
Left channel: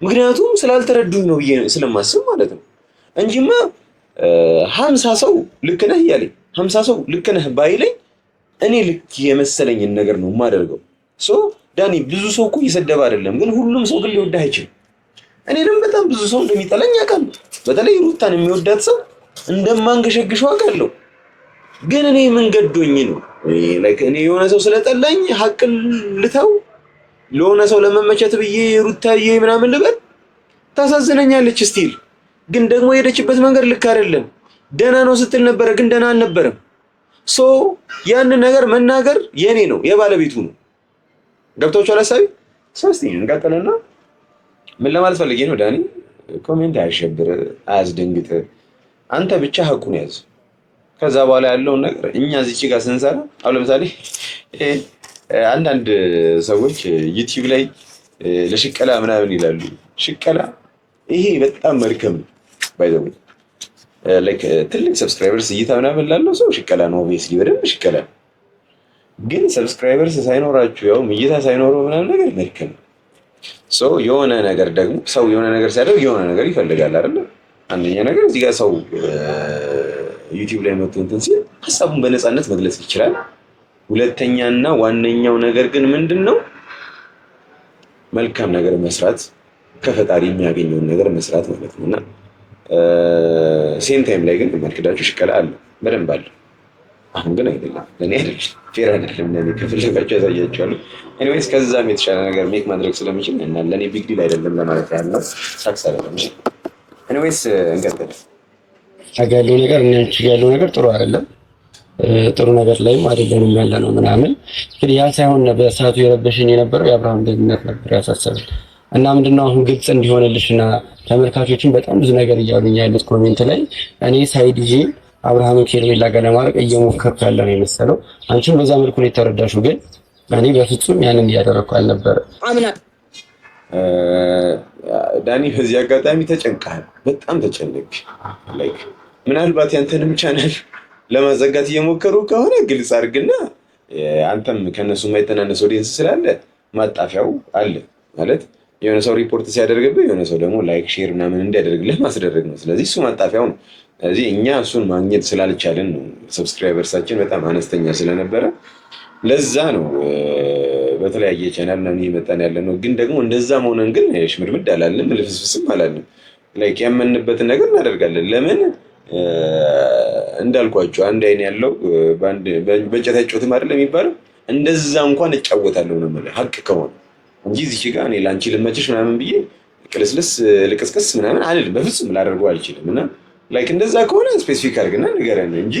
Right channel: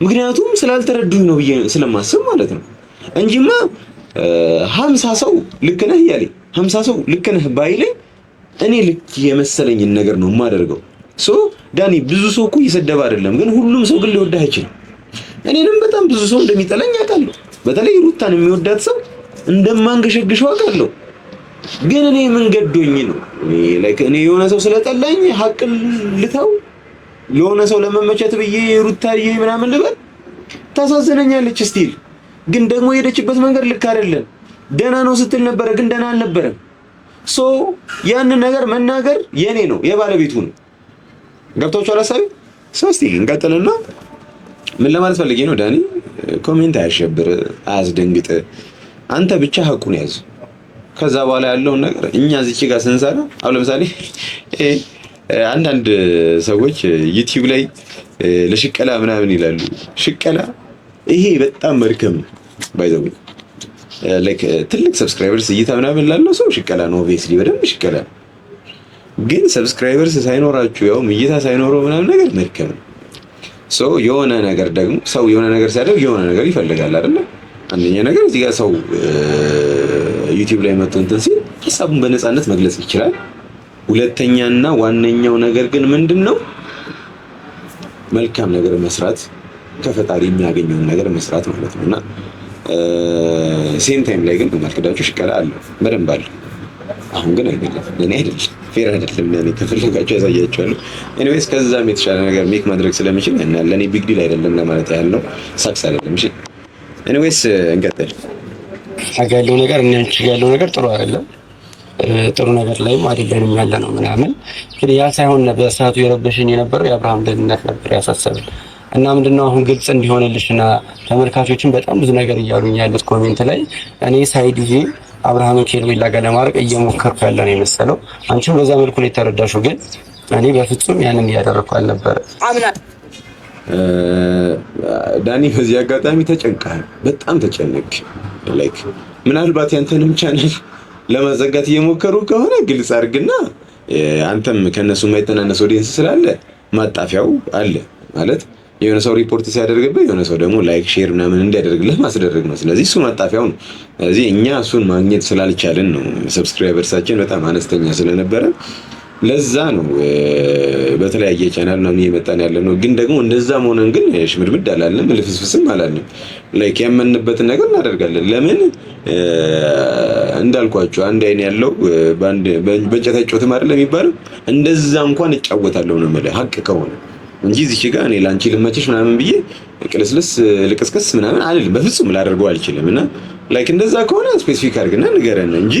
ምክንያቱም ስላልተረዱኝ ነው ብዬ ስለማስብ ማለት ነው እንጂማ 50 ሰው ልክ ነህ እያለኝ 50 ሰው ልክ ነህ ባይለኝ እኔ ልክ የመሰለኝን ነገር ነው የማደርገው። ዳኒ ብዙ ሰው እኮ እየሰደበ አይደለም፣ ግን ሁሉም ሰው ግን ሊወድህ አይችልም። እኔንም በጣም ብዙ ሰው እንደሚጠላኝ አውቃለሁ። በተለይ ሩታን የሚወዳት ሰው እንደማንገሸግሸው አውቃለሁ። ግን እኔ ምን ገዶኝ ነው ላይክ እኔ የሆነ ሰው ስለጠላኝ ሀቅ ልተው ለሆነ ሰው ለመመቸት ብዬ ሩታዬ ምናምን ልበል? ታሳዝነኛለች ስቲል። ግን ደግሞ የሄደችበት መንገድ ልክ አይደለም። ደህና ነው ስትል ነበረ፣ ግን ደህና አልነበረም። ያንን ነገር መናገር የኔ ነው የባለቤቱ ነው። ገብቶቻል ሐሳቤ? እስቲ እንቀጥልና ምን ለማለት ፈልጌ ነው ዳኒ፣ ኮሜንት አያሸብር፣ አያስደንግጥ። አንተ ብቻ ሀቁን ያዝ። ከዛ በኋላ ያለውን ነገር እኛ እዚች ጋር ስንሰራ አሁን ለምሳሌ አንዳንድ ሰዎች ዩቲዩብ ላይ ለሽቀላ ምናምን ይላሉ። ሽቀላ ይሄ በጣም መርከም ባይዘው ላይክ ትልቅ ሰብስክራይበርስ እይታ ምናምን ላለው ሰው ሽቀላ ነው። ኦብቪየስሊ በደንብ ሽቀላ። ግን ሰብስክራይበርስ ሳይኖራችሁ ያው እይታ ሳይኖረው ምናምን ነገር መርከም ነው። የሆነ ነገር ደግሞ ሰው የሆነ ነገር ሲያደርግ የሆነ ነገር ይፈልጋል አይደለ? አንደኛ ነገር እዚህ ጋር ሰው ዩቲዩብ ላይ መጥቶ እንትን ሲል ሐሳቡን በነፃነት መግለጽ ይችላል። ሁለተኛና ዋነኛው ነገር ግን ምንድነው? መልካም ነገር መስራት፣ ከፈጣሪ የሚያገኘውን ነገር መስራት ማለት ነውና ሴም ታይም ላይ ግን በማልከዳችሁ ሽቀላ አለ፣ በደንብ አለ። አሁን ግን አይደለም፣ እኔ አይደለም ፌር አይደለም። እኔ ከፈለጋችሁ ያሳያችኋለሁ። ኤኒዌይስ ከዛም የተሻለ ነገር ሜክ ማድረግ ስለምችል እና ለኔ ቢግ ዲል አይደለም ለማለት ያህል ነው። ሳክስ አይደለም። እሺ ኤኒዌይስ እንቀጥል። ያለው ነገር እኛ ያለው ነገር ጥሩ አይደለም። ጥሩ ነገር ላይም አይደለም ያለ ነው ምናምን። ግን ያ ሳይሆን በሰዓቱ የረበሽኝ የነበረው የአብርሃም ደህንነት ነበር ያሳሰበኝ። እና ምንድነው አሁን ግልጽ እንዲሆንልሽና ተመልካቾችን በጣም ብዙ ነገር እያሉኝ ያሉት ኮሜንት ላይ እኔ ሳይድ ይዤ አብርሃምን ከሄርሜላ ጋር ለማድረግ እየሞከርኩ ያለ ነው የመሰለው። አንቺም በዛ መልኩ ነው የተረዳሽው። ግን እኔ በፍጹም ያንን እያደረኩ አልነበረ። ዳኒ በዚህ አጋጣሚ ተጨንቀሃል፣ በጣም ተጨነቅ። ላይክ ምናልባት ያንተንም ቻናል ለማዘጋት እየሞከሩ ከሆነ ግልጽ አድርግና አንተም ከነሱ የማይተናነስ ኦዲየንስ ስላለ ማጣፊያው አለ ማለት የሆነ ሰው ሪፖርት ሲያደርግብህ የሆነ ሰው ደግሞ ላይክ ሼር ምናምን እንዲያደርግልህ ማስደረግ ነው። ስለዚህ እሱ ማጣፊያው ነው። ስለዚህ እኛ እሱን ማግኘት ስላልቻልን ነው፣ ሰብስክራይበርሳችን በጣም አነስተኛ ስለነበረ ለዛ ነው በተለያየ ቻናል ነው እየመጣን ያለ ነው። ግን ደግሞ እንደዛም ሆነን ግን ሽምድምድ አላልንም፣ ልፍስፍስም አላልንም። ላይክ ያመንበትን ነገር እናደርጋለን። ለምን እንዳልኳችሁ አንድ አይን ያለው በእንጨት አይጮትም አይደል የሚባለው? እንደዛ እንኳን እጫወታለሁ ነው የምልህ ሀቅ ከሆነ እንጂ እዚህ ጋር እኔ ላንቺ ልመችሽ ምናምን ብዬ ቅልስልስ ልቅስቅስ ምናምን አልልም፣ በፍጹም ላደርገው አልችልም። እና ላይክ እንደዛ ከሆነ ስፔሲፊክ አድርግና ንገረን እንጂ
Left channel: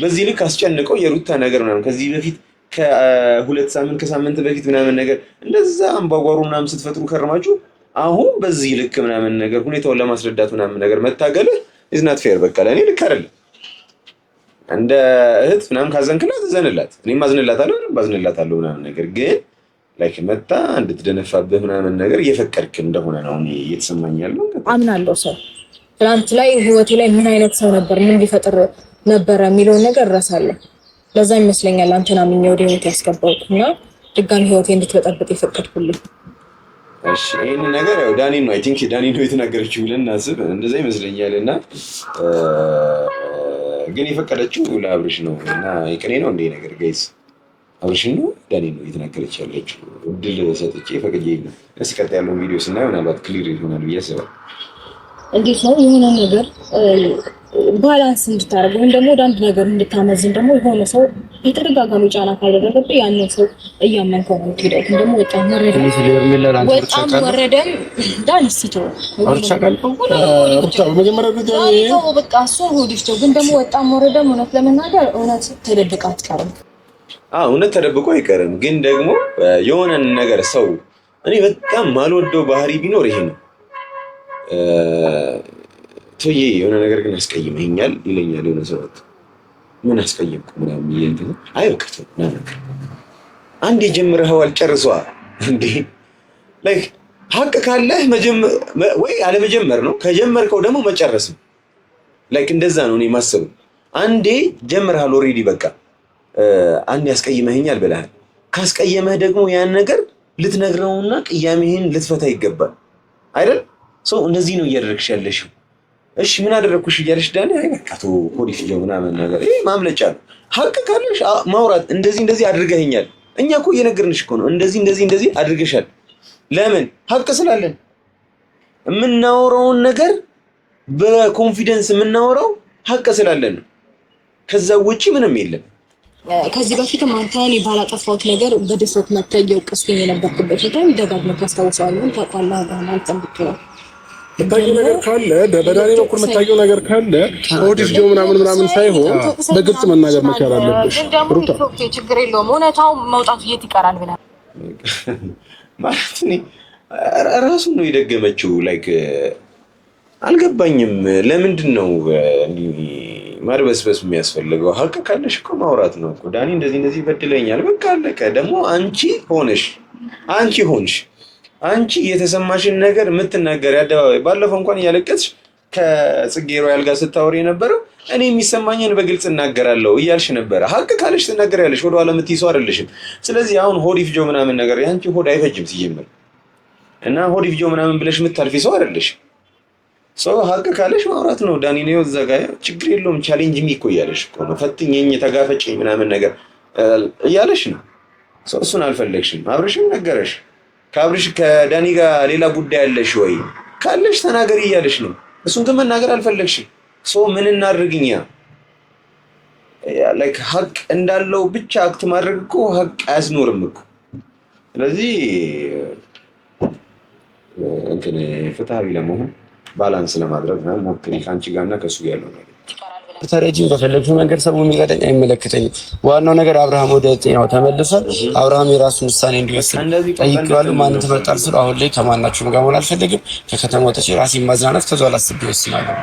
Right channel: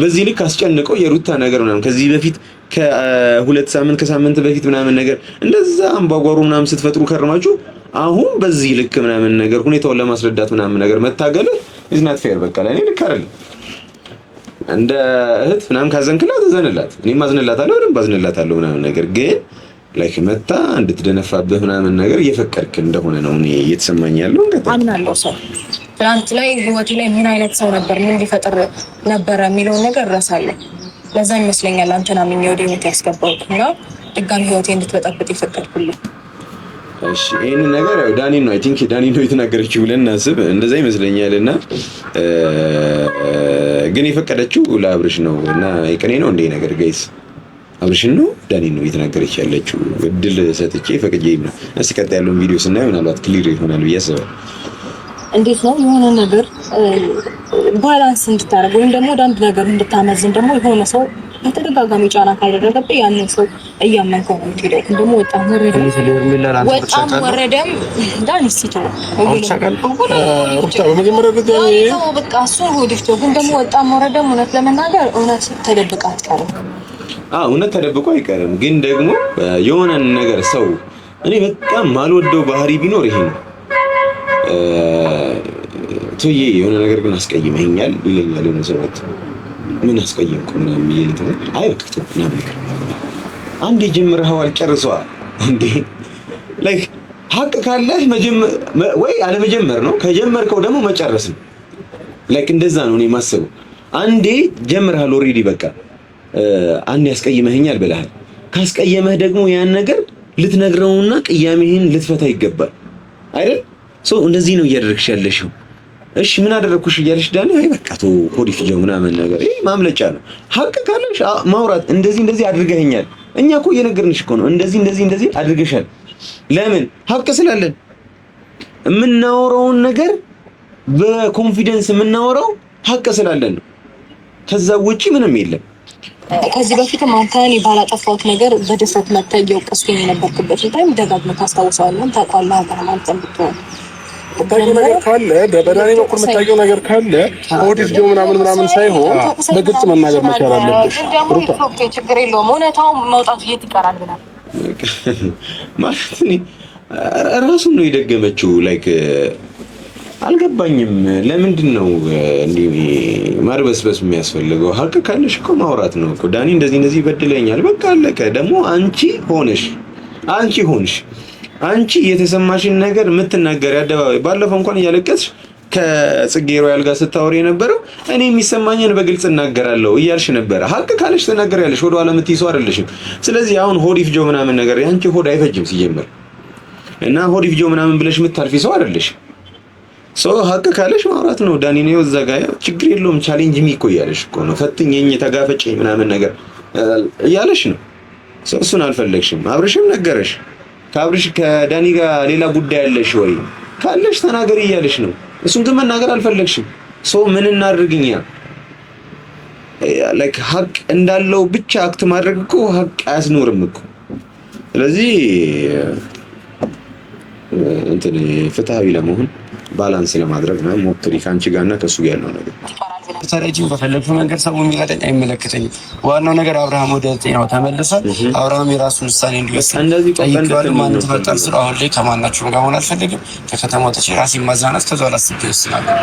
በዚህ ልክ አስጨንቀው የሩታ ነገር ምናምን ከዚህ በፊት ከሁለት ሳምንት ከሳምንት በፊት ምናምን ነገር እንደዛ አምባጓሮ ምናምን ስትፈጥሩ ከርማችሁ አሁን በዚህ ልክ ምናምን ነገር ሁኔታውን ለማስረዳት ምናምን ነገር መታገል is not fair። በቃ ለኔ ልክ አይደለም። እንደ እህት ምናምን ካዘንክላት ዘንላት እኔ ማዝንላታለሁ፣ ወደም ባዝንላታለሁ ምናምን ነገር ግን ላይክ መታ እንድትደነፋብህ ምናምን ነገር እየፈቀድክ እንደሆነ ነው እኔ እየተሰማኝ ያለው። አምናለሁ ሰው ትናንት ላይ ህይወቴ ላይ ምን አይነት ሰው ነበር ምን ሊፈጥር ነበር የሚለውን ነገር እረሳለሁ። ለዛ ይመስለኛል አንተና ምን ወደ ህይወት ያስገባሁት እና ድጋሚ ህይወቴ እንድትበጠብጥ የፈቀድኩልኝ። እሺ ይሄን ነገር ያው ዳኒ ነው አይ ቲንክ ዳኒ ነው የተናገረችው ብለን እናስብ። እንደዛ ይመስለኛልና ግን የፈቀደችው ለአብርሽ ነው እና የቀኔ ነው እንደ ነገር ጋይስ አብርሽን ነው ዳኒ ነው የተናገረች ያለችው። እድል ሰጥቼ ፈቅጄ ነው። እስኪ ቀጣይ ያለውን ቪዲዮ ስናይ ምናልባት ክሊር ይሆናል ብዬ አስባለሁ። እንዴት ነው የሆነ ነገር ባላንስ እንድታረግ ወይም ደግሞ ወደ አንድ ነገር እንድታመዝን ደግሞ የሆነ ሰው በተደጋጋሚ ጫና ካደረገብህ ያንን ሰው እያመንከው ነው የምትሄደው። ግን ደግሞ ወጣም ወረደም ዳንስቶ በመጀመሪያ ደረጃ በቃ እሱ ሆድፍቶ ግን ደግሞ ወጣም ወረደም እውነት ለመናገር እውነት ተደብቃ አትቀርም። እውነት ተደብቆ አይቀርም። ግን ደግሞ የሆነን ነገር ሰው እኔ በጣም ማልወደው ባህሪ ቢኖር ይሄ ነው። ቶዬ የሆነ ነገር ግን አስቀይመኛል ይለኛል የሆነ ሰው ምን አስቀየምኩ ምናምን ብዬ እንትን አይበክቱ ምናምን አንዴ ጀምረኸዋል ጨርሰዋ እንዴ ላይክ ሀቅ ካለህ መጀመር ወይ አለመጀመር ነው። ከጀመርከው ደግሞ መጨረስ ነው። ላይክ እንደዛ ነው እኔ የማስበው። አንዴ ጀምረሃል ኦልሬዲ በቃ አንዴ ያስቀይመኛል ብለሃል። ካስቀየመህ ደግሞ ያን ነገር ልትነግረውና ቅያሜህን ልትፈታ ይገባል አይደል? ሶ እንደዚህ ነው እያደረግሽ ያለሽው። እሺ ምን አደረኩሽ እያለሽ ዳኒ አይ በቃ ተው ሆዲፍ ጀው ምናምን ነገር ይሄ ማምለጫ ነው። ሀቅ ካለሽ ማውራት እንደዚህ አድርገኸኛል። እኛ እኮ እየነገርንሽ እኮ ነው እንደዚህ አድርገሻል። ለምን ሀቅ ስላለን የምናወራውን ነገር በኮንፊደንስ የምናወራው ሀቅ ስላለን ነው። ከዛ ውጪ ምንም የለም። ከዚህ በፊትም አንተ እኔ ባላጠፋሁት ነገር በድፍረት መጥተህ እየወቀስኩኝ የነበርኩበት ታይም ደጋግመህ ታስታውሰዋለህ። ታውቃለህ ማለት ነው መታየው ነገር ካለ በዳኒ በኩል መታየው ነገር ካለ ኦዲስ ጆ ምናምን ሳይሆን በግልጽ መናገር መቻል አለብሽ። ሩታ ችግር የለውም እውነታው መውጣቱ የት ይቀራል ብላ ማለት እኔ ራሱን ነው የደገመችው። ላይክ አልገባኝም። ለምንድን ነው እንዲህ ማርበስበስ የሚያስፈልገው? ሀቅ ካለሽ እኮ ማውራት ነው እኮ። ዳኒ እንደዚህ ይበድለኛል በቃ አለቀ። ደግሞ አንቺ የተሰማሽን ነገር የምትናገር ያደባባይ ባለፈው እንኳን እያለቀስሽ ከጽጌ ሮያል ጋር ስታወሪ የነበረው እኔ የሚሰማኝን በግልጽ እናገራለሁ እያልሽ ነበረ። ሀቅ ካለሽ ትናገሪያለሽ። ወደ ኋላ የምትይዘው አይደለሽም። ስለዚህ አሁን ሆዲፍ ጆ ምናምን ነገር ያንቺ ሆድ አይፈጅም ሲጀምር እና ሆዲፍ ጆ ምናምን ብለሽ የምታልፊ ሰው አይደለሽ። ሀቅ ካለሽ ማውራት ነው። ዳኒ ነው እዛ ጋር ችግር የለውም ቻሌንጅ ሚ እኮ እያለሽ እኮ ነው። ፈትኝኝ ተጋፈጭ ምናምን ነገር እያለሽ ነው። እሱን አልፈለግሽም። አብርሽም ነገረሽ። ከአብርሽ ከዳኒ ጋር ሌላ ጉዳይ ያለሽ ወይ ካለሽ ተናገሪ እያለሽ ነው። እሱን ግን መናገር አልፈለግሽም። ምን እናድርግኛ? ላይክ ሀቅ እንዳለው ብቻ አክት ማድረግ እኮ ሀቅ አያስኖርም እኮ። ስለዚህ እንትን ፍትሃዊ ለመሆን ባላንስ ለማድረግ ነው ሞክሪ ከአንቺ ጋርና ከሱ ጋር ያለው ነገር ተረጂም በፈለግሽው መንገድ ሰው የሚቀጠኝ አይመለከተኝም። ዋናው ነገር አብርሃም ወደ ጤናው ተመልሷል። አብርሃም የራሱን ውሳኔ እንዲወስን ጠይቄዋለሁ። ማንን ትመርጣለህ ስለው አሁን ላይ ከማናችሁም ጋር መሆን አልፈልግም፣ ከከተማ ወጥቼ ራሴን ማዝናናት ከዛ አላስብ ይወስናለሁ።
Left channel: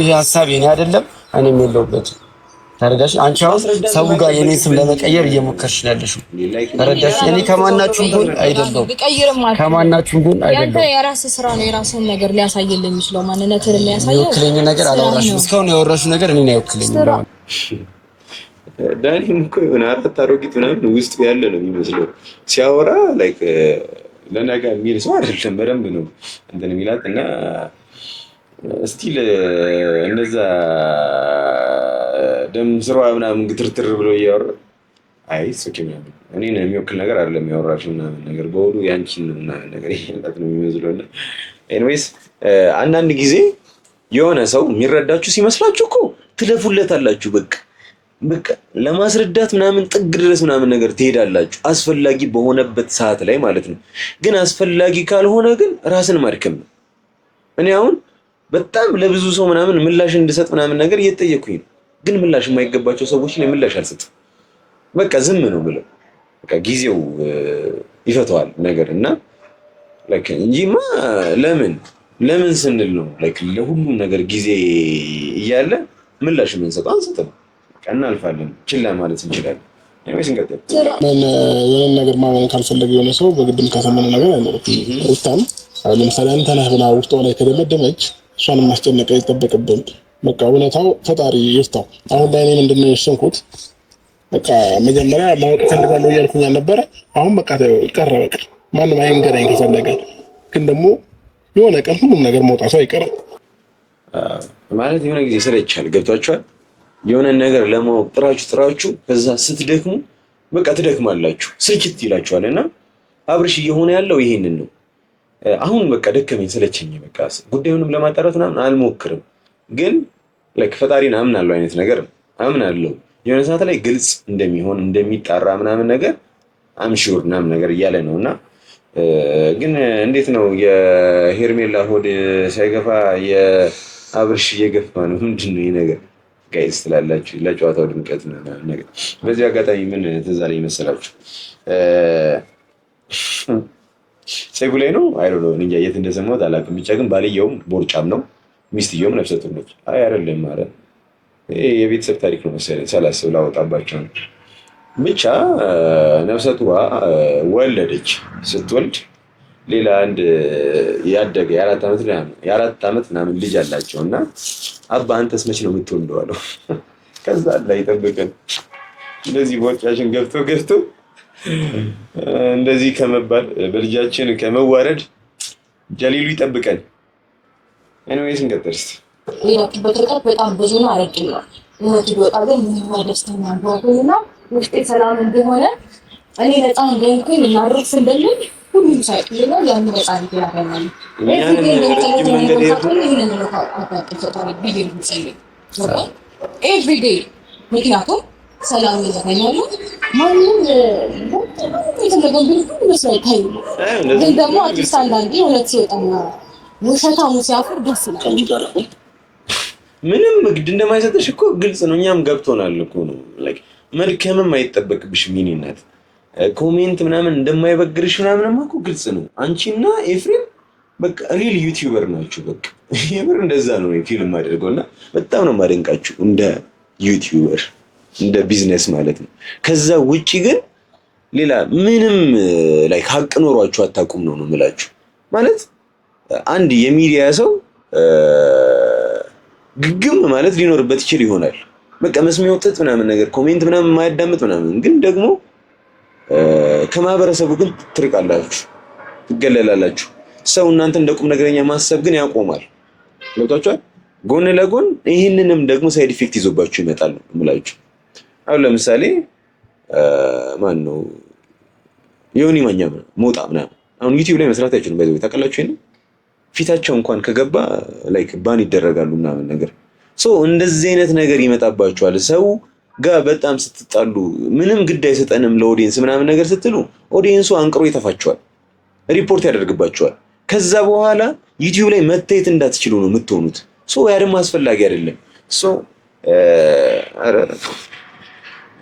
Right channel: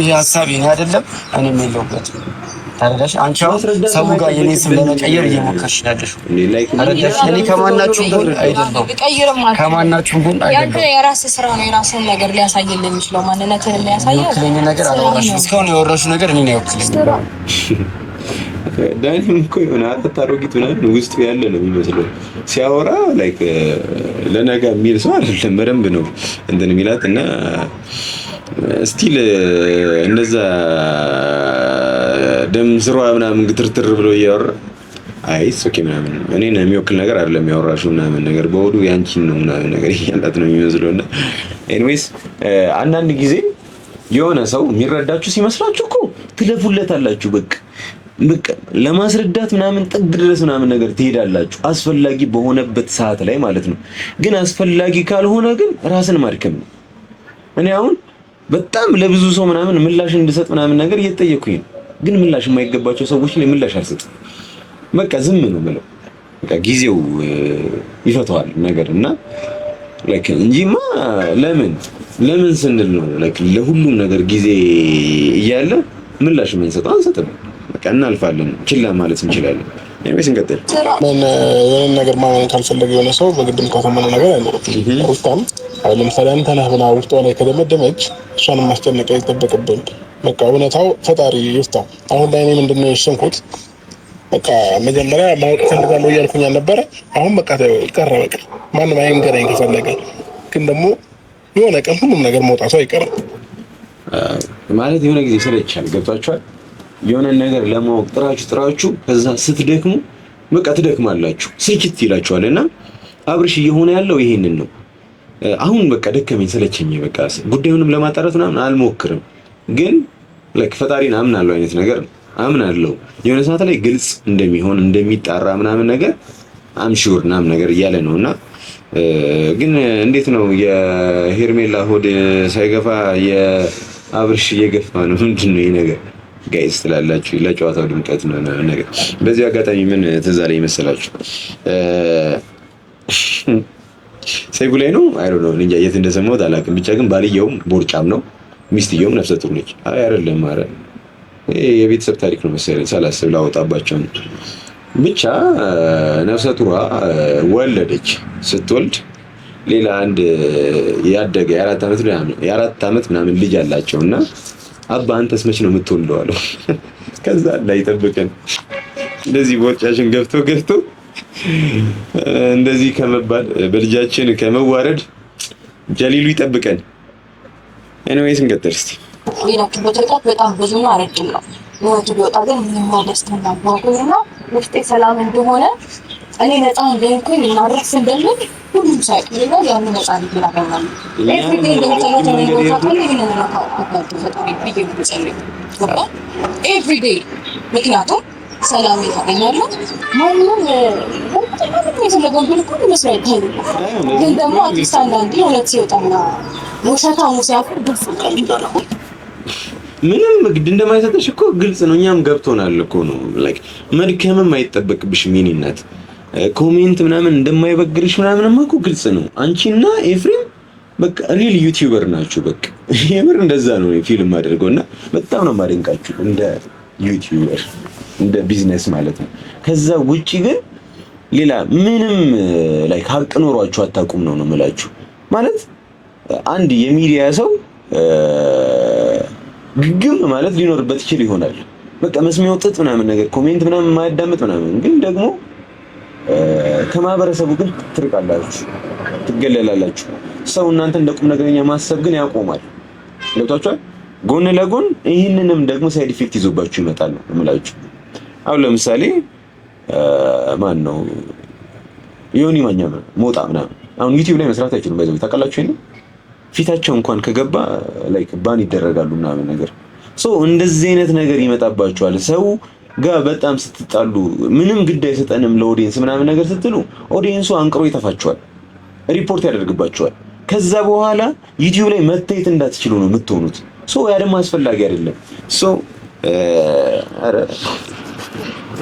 ይሄ ሀሳብ የኔ አይደለም፣ እኔም የለሁበትም። ተረዳሽ? አንቺ አሁን ሰው ጋር የኔን ስም ለመቀየር እየሞከርሽ ያለሽ ተረዳሽ? እኔ ከማናችሁም ጎን አይደለም፣ ከማናችሁም ጎን አይደለም። ያንተ የራስህ ስራ ነው። የራስህን ነገር ሊያሳየልህ የሚችለው ማንነትህን የሚያሳየው የወክለኝ ነገር አላወራሽም። እስካሁን ያወራሽው ነገር እኔን አይወክለኝም። ዳኒም እኮ የሆነ አራት አሮጊት ምናምን ውስጡ ያለ ነው የሚመስለው ሲያወራ። ላይክ ለነገ የሚል ሰው አይደለም። በደንብ ነው እንትን የሚላት እና ስቲል እንደዛ ደም ስሯ ምናምን ግትርትር ብሎ እያወራ አይ ሶኪ ምናምን እኔን የሚወክል ነገር አይደለም ያወራሽው ምናምን ነገር በወዱ ያንቺን ነው ምናምን ነገር ያላት ነው የሚመስለውና ኤኒዌይስ አንዳንድ ጊዜ የሆነ ሰው የሚረዳችሁ ሲመስላችሁ እኮ ትለፉለታላችሁ። በቃ ለማስረዳት ምናምን ጥግ ድረስ ምናምን ነገር ትሄዳላችሁ አስፈላጊ በሆነበት ሰዓት ላይ ማለት ነው። ግን አስፈላጊ ካልሆነ ግን ራስን ማድከም ነው። እኔ አሁን በጣም ለብዙ ሰው ምናምን ምላሽ እንድሰጥ ምናምን ነገር እየተጠየኩኝ ነው። ግን ምላሽ የማይገባቸው ሰዎች ላይ ምላሽ አልሰጥም። በቃ ዝም ነው ብለው በቃ ጊዜው ይፈታዋል ነገር እና ላይክ እንጂማ ለምን ስንል ነው ላይክ ለሁሉም ነገር ጊዜ እያለ ምላሽ የምንሰጠው አንሰጥም። በቃ እናልፋለን፣ ችላ ማለት እንችላለን። ኤኒዌይስ እንቀጥል። የሆነ ነገር ማመን ካልፈለገ የሆነ ሰው በግድም ካሰመነ ነገር አይኖርም። ሩታም አሁን ለምሳሌ አንተ ነህ ብላ ውስጧ ላይ ከደመደመች እሷንም ማስጨነቅ አይጠበቅብን። በቃ እውነታው ፈጣሪ ይፍታ። አሁን ላይ እኔ ምንድነው የወሰንኩት በቃ መጀመሪያ ማወቅ ፈልጋለሁ እያልኩኝ አልነበረ። አሁን በቃ ቀረ። በቃ ማንም አይንገረኝ ከፈለገ። ግን ደግሞ የሆነ ቀን ሁሉም ነገር መውጣቱ አይቀርም ማለት የሆነ ጊዜ ስለቻል ገብቷችኋል። የሆነ ነገር ለማወቅ ጥራችሁ ከዛ ስትደክሙ በቃ ትደክማላችሁ፣ ስልችት ይላችኋል። እና አብርሽ እየሆነ ያለው ይሄንን ነው። አሁን በቃ ደከመኝ ሰለቸኝ፣ በቃ ጉዳዩንም ለማጣራት ምናምን አልሞክርም። ግን ላይክ ፈጣሪን አምናለሁ አይነት ነገር አምናለሁ። የሆነ ሰዓት ላይ ግልጽ እንደሚሆን እንደሚጣራ ምናምን ነገር አምሹር ምናምን ነገር እያለ ነው። እና ግን እንዴት ነው የሄርሜላ ሆድ ሳይገፋ የአብርሽ እየገፋ ነው? ምንድን ነው ይሄ ነገር ጋይስ ትላላችሁ? ለጨዋታው ድምቀት ነው ነገር። በዚህ አጋጣሚ ምን ትዝ አለኝ መሰላችሁ? ሰይፉ ላይ ነው አይሮ ነው እንጃ የት እንደሰማሁት አላውቅም። ብቻ ግን ባልየውም ቦርጫም ነው ሚስትየውም ነፍሰ ጡር ነች። አይ አይደለም፣ ኧረ ይሄ የቤተሰብ ታሪክ ነው መሰለኝ ሳላስብ ላወጣባቸው ነው። ብቻ ነፍሰ ጡሯ ወለደች። ስትወልድ ሌላ አንድ ያደገ የአራት ዓመት ምናምን ልጅ አላቸው። እና አባ አንተስ መች ነው የምትወልደው አለው። ከዛ ላይ ይጠብቀን እንደዚህ ቦርጫችን ገብቶ እንደዚህ ከመባል በልጃችን ከመዋረድ ጀሊሉ ይጠብቀን። ኤኒዌይስ እንቀጥል እስቲ። ሌላችሁበት ርቀት በጣም ብዙ ነው፣ አረጅም ነው። ህይወቱ ቢወጣ ግን ምንም ደስተኛ እንደሆንኩኝና ውስጤ ሰላም እንደሆነ እኔ ነፃ እንደሆንኩኝ እናድርስ እንደምን ሁሉም ሳይቀርና ያን ነፃ እንዲያገኛል ኤቭሪዴ እንደምትለው ተመንጎታቸው ይሄንን ነው ፈጣሪ ቢግ ቢጸልይ ኤቭሪዴ። ምክንያቱም ሰላም ያገኛሉ። ማንም የፈለገውን ቢል ሁሉ መስራት ይታያል። ግን ደግሞ አትሊስት አንዳንዴ እውነት ሲወጣና ውሸታሙ ሲያፍር ደስ ይላል። ምንም ግድ እንደማይሰጥሽ እኮ ግልጽ ነው። እኛም ገብቶናል እኮ ነው። ላይክ መድከምም አይጠበቅብሽም። የእኔ እናት ኮሜንት ምናምን እንደማይበግርሽ ምናምን እኮ ግልጽ ነው። አንቺና ኤፍሬም በቃ ሪል ዩቲዩበር ናችሁ። በቃ የምር እንደዛ ነው ፊልም አድርገውና በጣም ነው የማደንቃችሁ እንደ ዩቲዩበር እንደ ቢዝነስ ማለት ነው። ከዛ ውጪ ግን ሌላ ምንም ላይክ ሀቅ ኖሯችሁ አታውቁም ነው የምላችሁ። ማለት አንድ የሚዲያ ሰው ግግም ማለት ሊኖርበት ይችል ይሆናል። በቃ መስሚያው ጥጥ ምናምን ነገር ኮሜንት ምናምን የማያዳምጥ ምናምን፣ ግን ደግሞ ከማህበረሰቡ ግን ትርቃላችሁ፣ ትገለላላችሁ። ሰው እናንተ እንደ ቁም ነገረኛ ማሰብ ግን ያቆማል። ገብቷችኋል? ጎን ለጎን ይህንንም ደግሞ ሳይድ ኢፌክት ይዞባችሁ ይመጣሉ እምላችሁ። አሁን ለምሳሌ ማን ነው ዮኒ ማኛ ሞጣ ምናምን አሁን ዩቲዩብ ላይ መስራት አይችሉም። ባይዘው ታውቃላችሁ ይሄን ፊታቸው እንኳን ከገባ ላይክ ባን ይደረጋሉ ምናምን ነገር። ሶ እንደዚህ አይነት ነገር ይመጣባችኋል። ሰው ጋር በጣም ስትጣሉ ምንም ግድ አይሰጠንም ለኦዲየንስ ምናምን ነገር ስትሉ ኦዲየንሱ አንቅሮ ይተፋችኋል፣ ሪፖርት ያደርግባችኋል። ከዛ በኋላ ዩቲዩብ ላይ መታየት እንዳትችሉ ነው የምትሆኑት። ሶ ያ ደግሞ አስፈላጊ አይደለም። ሶ አረ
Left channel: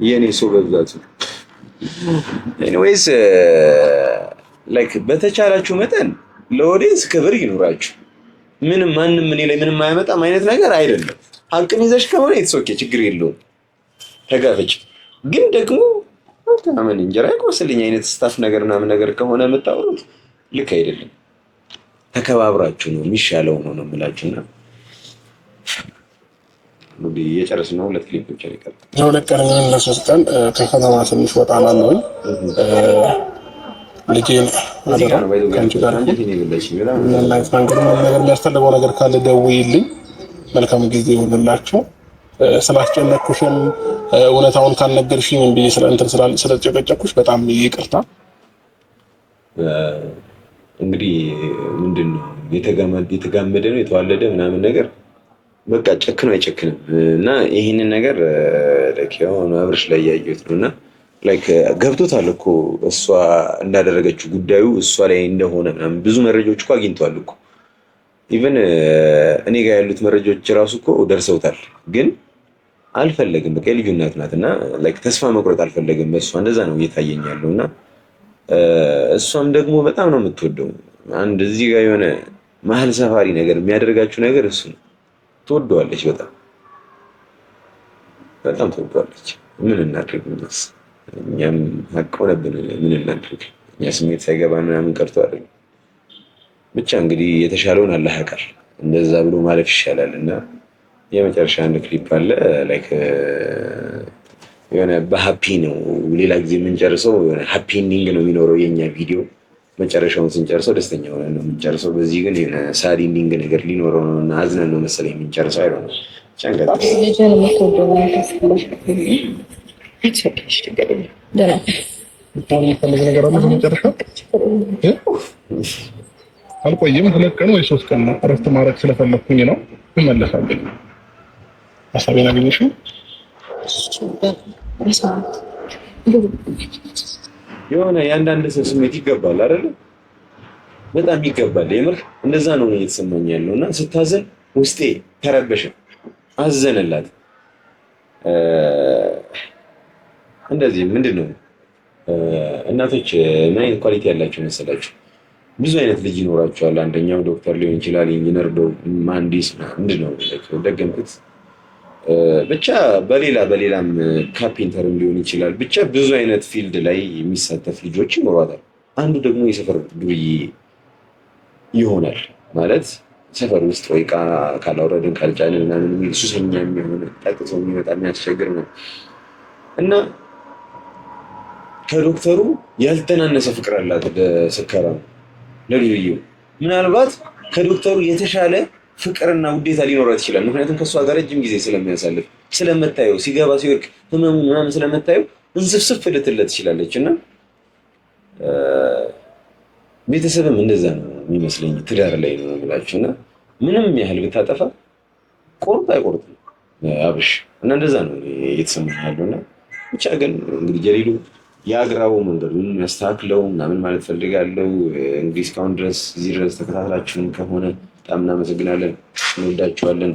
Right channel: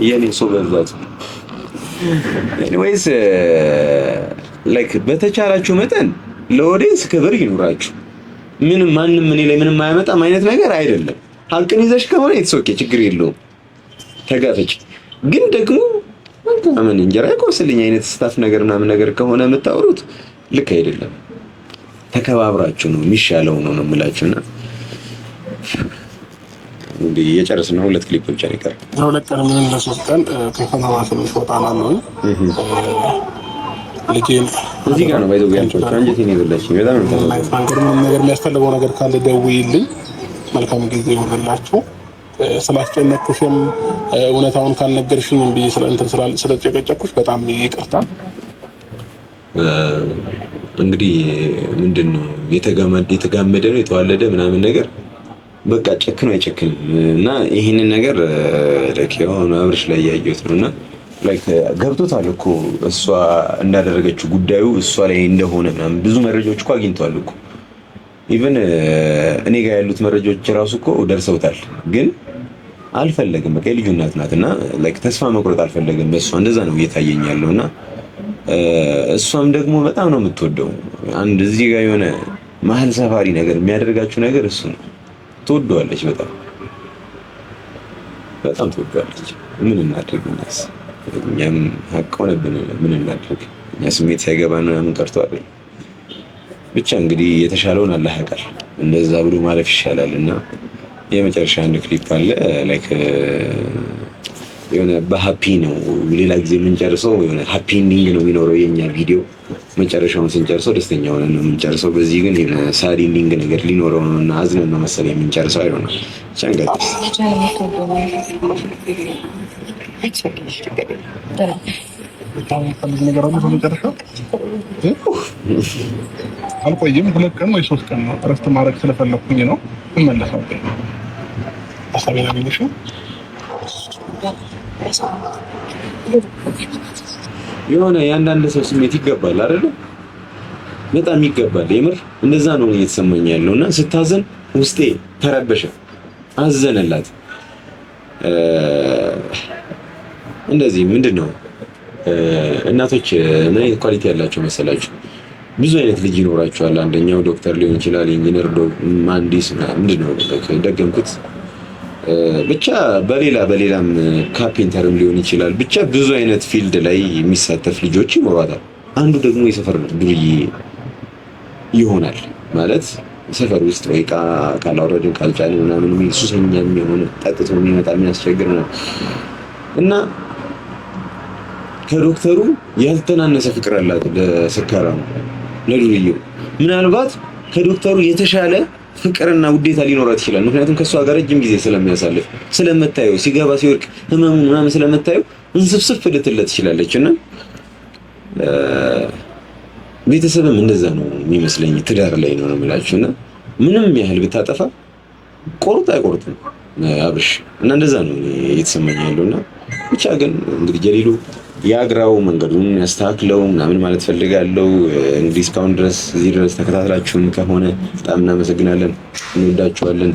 የኔ ሰው በዛት ኤኒዌይስ ላይክ በተቻላችሁ መጠን ለኦዲየንስ ክብር ይኖራችሁ። ምንም ማንም እኔ ላይ ምንም አያመጣም አይነት ነገር አይደለም። ሀቅን ይዘሽ ከሆነ ኢትስ ኦኬ፣ ችግር የለውም ተጋፈጭ። ግን ደግሞ ምን እንጀራ ይቆስልኝ አይነት ስታፍ ነገር ምናምን ነገር ከሆነ የምታወሩት ልክ አይደለም። ተከባብራችሁ ነው የሚሻለው ነው የምላችሁና እንግዲህ የጨረስን ነው። 2 ክሊፕ ብቻ ይቀር ነው። 2 ቀን ምን ለሶስት ቀን ከከተማ ትንሽ ወጣ አላለሁ። ልጄን ነው ባይዘው ጋር አንጀት እኔ ብለሽ በጣም ነገር የሚያስፈልገው ነገር ካለ ደውይልኝ። መልካም ጊዜ ይሁንላችሁ። ስላስጨነቅኩሽም እውነታውን ካልነገርሽኝ እንዴ ስለጨቀጨቅኩሽ በጣም ይቅርታ። እንግዲህ ምንድነው የተጋመደ ነው የተዋለደ ምናምን ነገር በቃ ጨክኖ አይጨክንም። እና ይሄንን ነገር ለኪያው አብርሽ ላይ ያየሁት ነውና ላይክ ገብቶታል እኮ እሷ እንዳደረገችው ጉዳዩ እሷ ላይ እንደሆነ ምናምን ብዙ መረጃዎች እኮ አግኝተዋል እኮ። ኢቭን እኔ ጋር ያሉት መረጃዎች ራሱ እኮ ደርሰውታል። ግን አልፈለግም። በቃ የልጁ እናት ናትና ላይክ ተስፋ መቁረጥ አልፈለግም በእሷ። እንደዛ ነው እየታየኝ ያለውና እሷም ደግሞ በጣም ነው የምትወደው። አንድ እዚህ ጋር የሆነ መሀል ሰፋሪ ነገር የሚያደርጋችሁ ነገር እሱ ነው። ትወደዋለች፣ በጣም ትወደዋለች። ምን እናድርግ ማለት እኛም ሀቅ ሆነብን። ምን እናድርግ እኛ ስሜት ሳይገባን ምናምን ቀርቶ አይደል። ብቻ እንግዲህ የተሻለውን አላህ ያውቃል። እንደዛ ብሎ ማለፍ ይሻላል። እና የመጨረሻ አንድ ክሊፕ አለ ላይክ የሆነ በሃፒ ነው ሌላ ጊዜ የምንጨርሰው። የሆነ ሃፒ ኢንዲንግ ነው የሚኖረው የኛ ቪዲዮ። መጨረሻውን ስንጨርሰው ደስተኛ ሆነን ነው የምንጨርሰው። በዚህ ግን የሆነ ሳድ ኢንዲንግ ነገር ሊኖረው ነው እና አዝነን ነው መሰለኝ የምንጨርሰው። አይሆን ነው ቻንጋት አልቆይም። 2 ቀን ወይ 3 ቀን ነው እረፍት ማድረግ ስለፈለኩኝ ነው እመለሳለሁ። አሳቤን አገኘሽው? የሆነ የአንዳንድ ሰው ስሜት ይገባል አይደል? በጣም ይገባል። የምር እንደዛ ነው እየተሰማኝ ያለውና ስታዘን ውስጤ ተረበሸ፣ አዘነላት። እንደዚህ ምንድነው እናቶች ምን አይነት ኳሊቲ ያላቸው መሰላችሁ? ብዙ አይነት ልጅ ይኖራቸዋል። አንደኛው ዶክተር ሊሆን ይችላል፣ ኢንጂነር፣ መሐንዲስ ምንድነው ደገምኩት ብቻ በሌላም ካፔንተርም ሊሆን ይችላል። ብቻ ብዙ አይነት ፊልድ ላይ የሚሳተፍ ልጆች ይኖራታል። አንዱ ደግሞ የሰፈር ዱርዬ ይሆናል ማለት ሰፈር ውስጥ ወይ ዕቃ ካላወረድን ካልጫንን ምናምን የሚል ሱሰኛ የሚሆን ጠጥቶ የሚመጣ የሚያስቸግር ነው እና ከዶክተሩ ያልተናነሰ ፍቅር አላት ለስካራሙ ለዱርዬው። ምናልባት ከዶክተሩ የተሻለ ፍቅርና ውዴታ ሊኖራት ይችላል። ምክንያቱም ከእሷ ጋር ረጅም ጊዜ ስለሚያሳልፍ ስለምታየው፣ ሲገባ ሲወርቅ ህመሙን ምናምን ስለምታየው እንስፍስፍ ልትለት ትችላለች እና ቤተሰብም እንደዛ ነው የሚመስለኝ። ትዳር ላይ ነው የምላችሁ እና ምንም ያህል ብታጠፋ ቆርጥ አይቆርጥም አብርሽ እና እንደዛ ነው እየተሰማኝ ያለውና ብቻ ግን እንግዲህ ጀሊሉ ያግራው መንገዱን ያስተካክለው ምናምን ማለት ፈልጋለሁ። እንግዲህ እስካሁን ድረስ እዚህ ድረስ ተከታትላችሁን ከሆነ በጣም እናመሰግናለን፣ እንወዳችኋለን።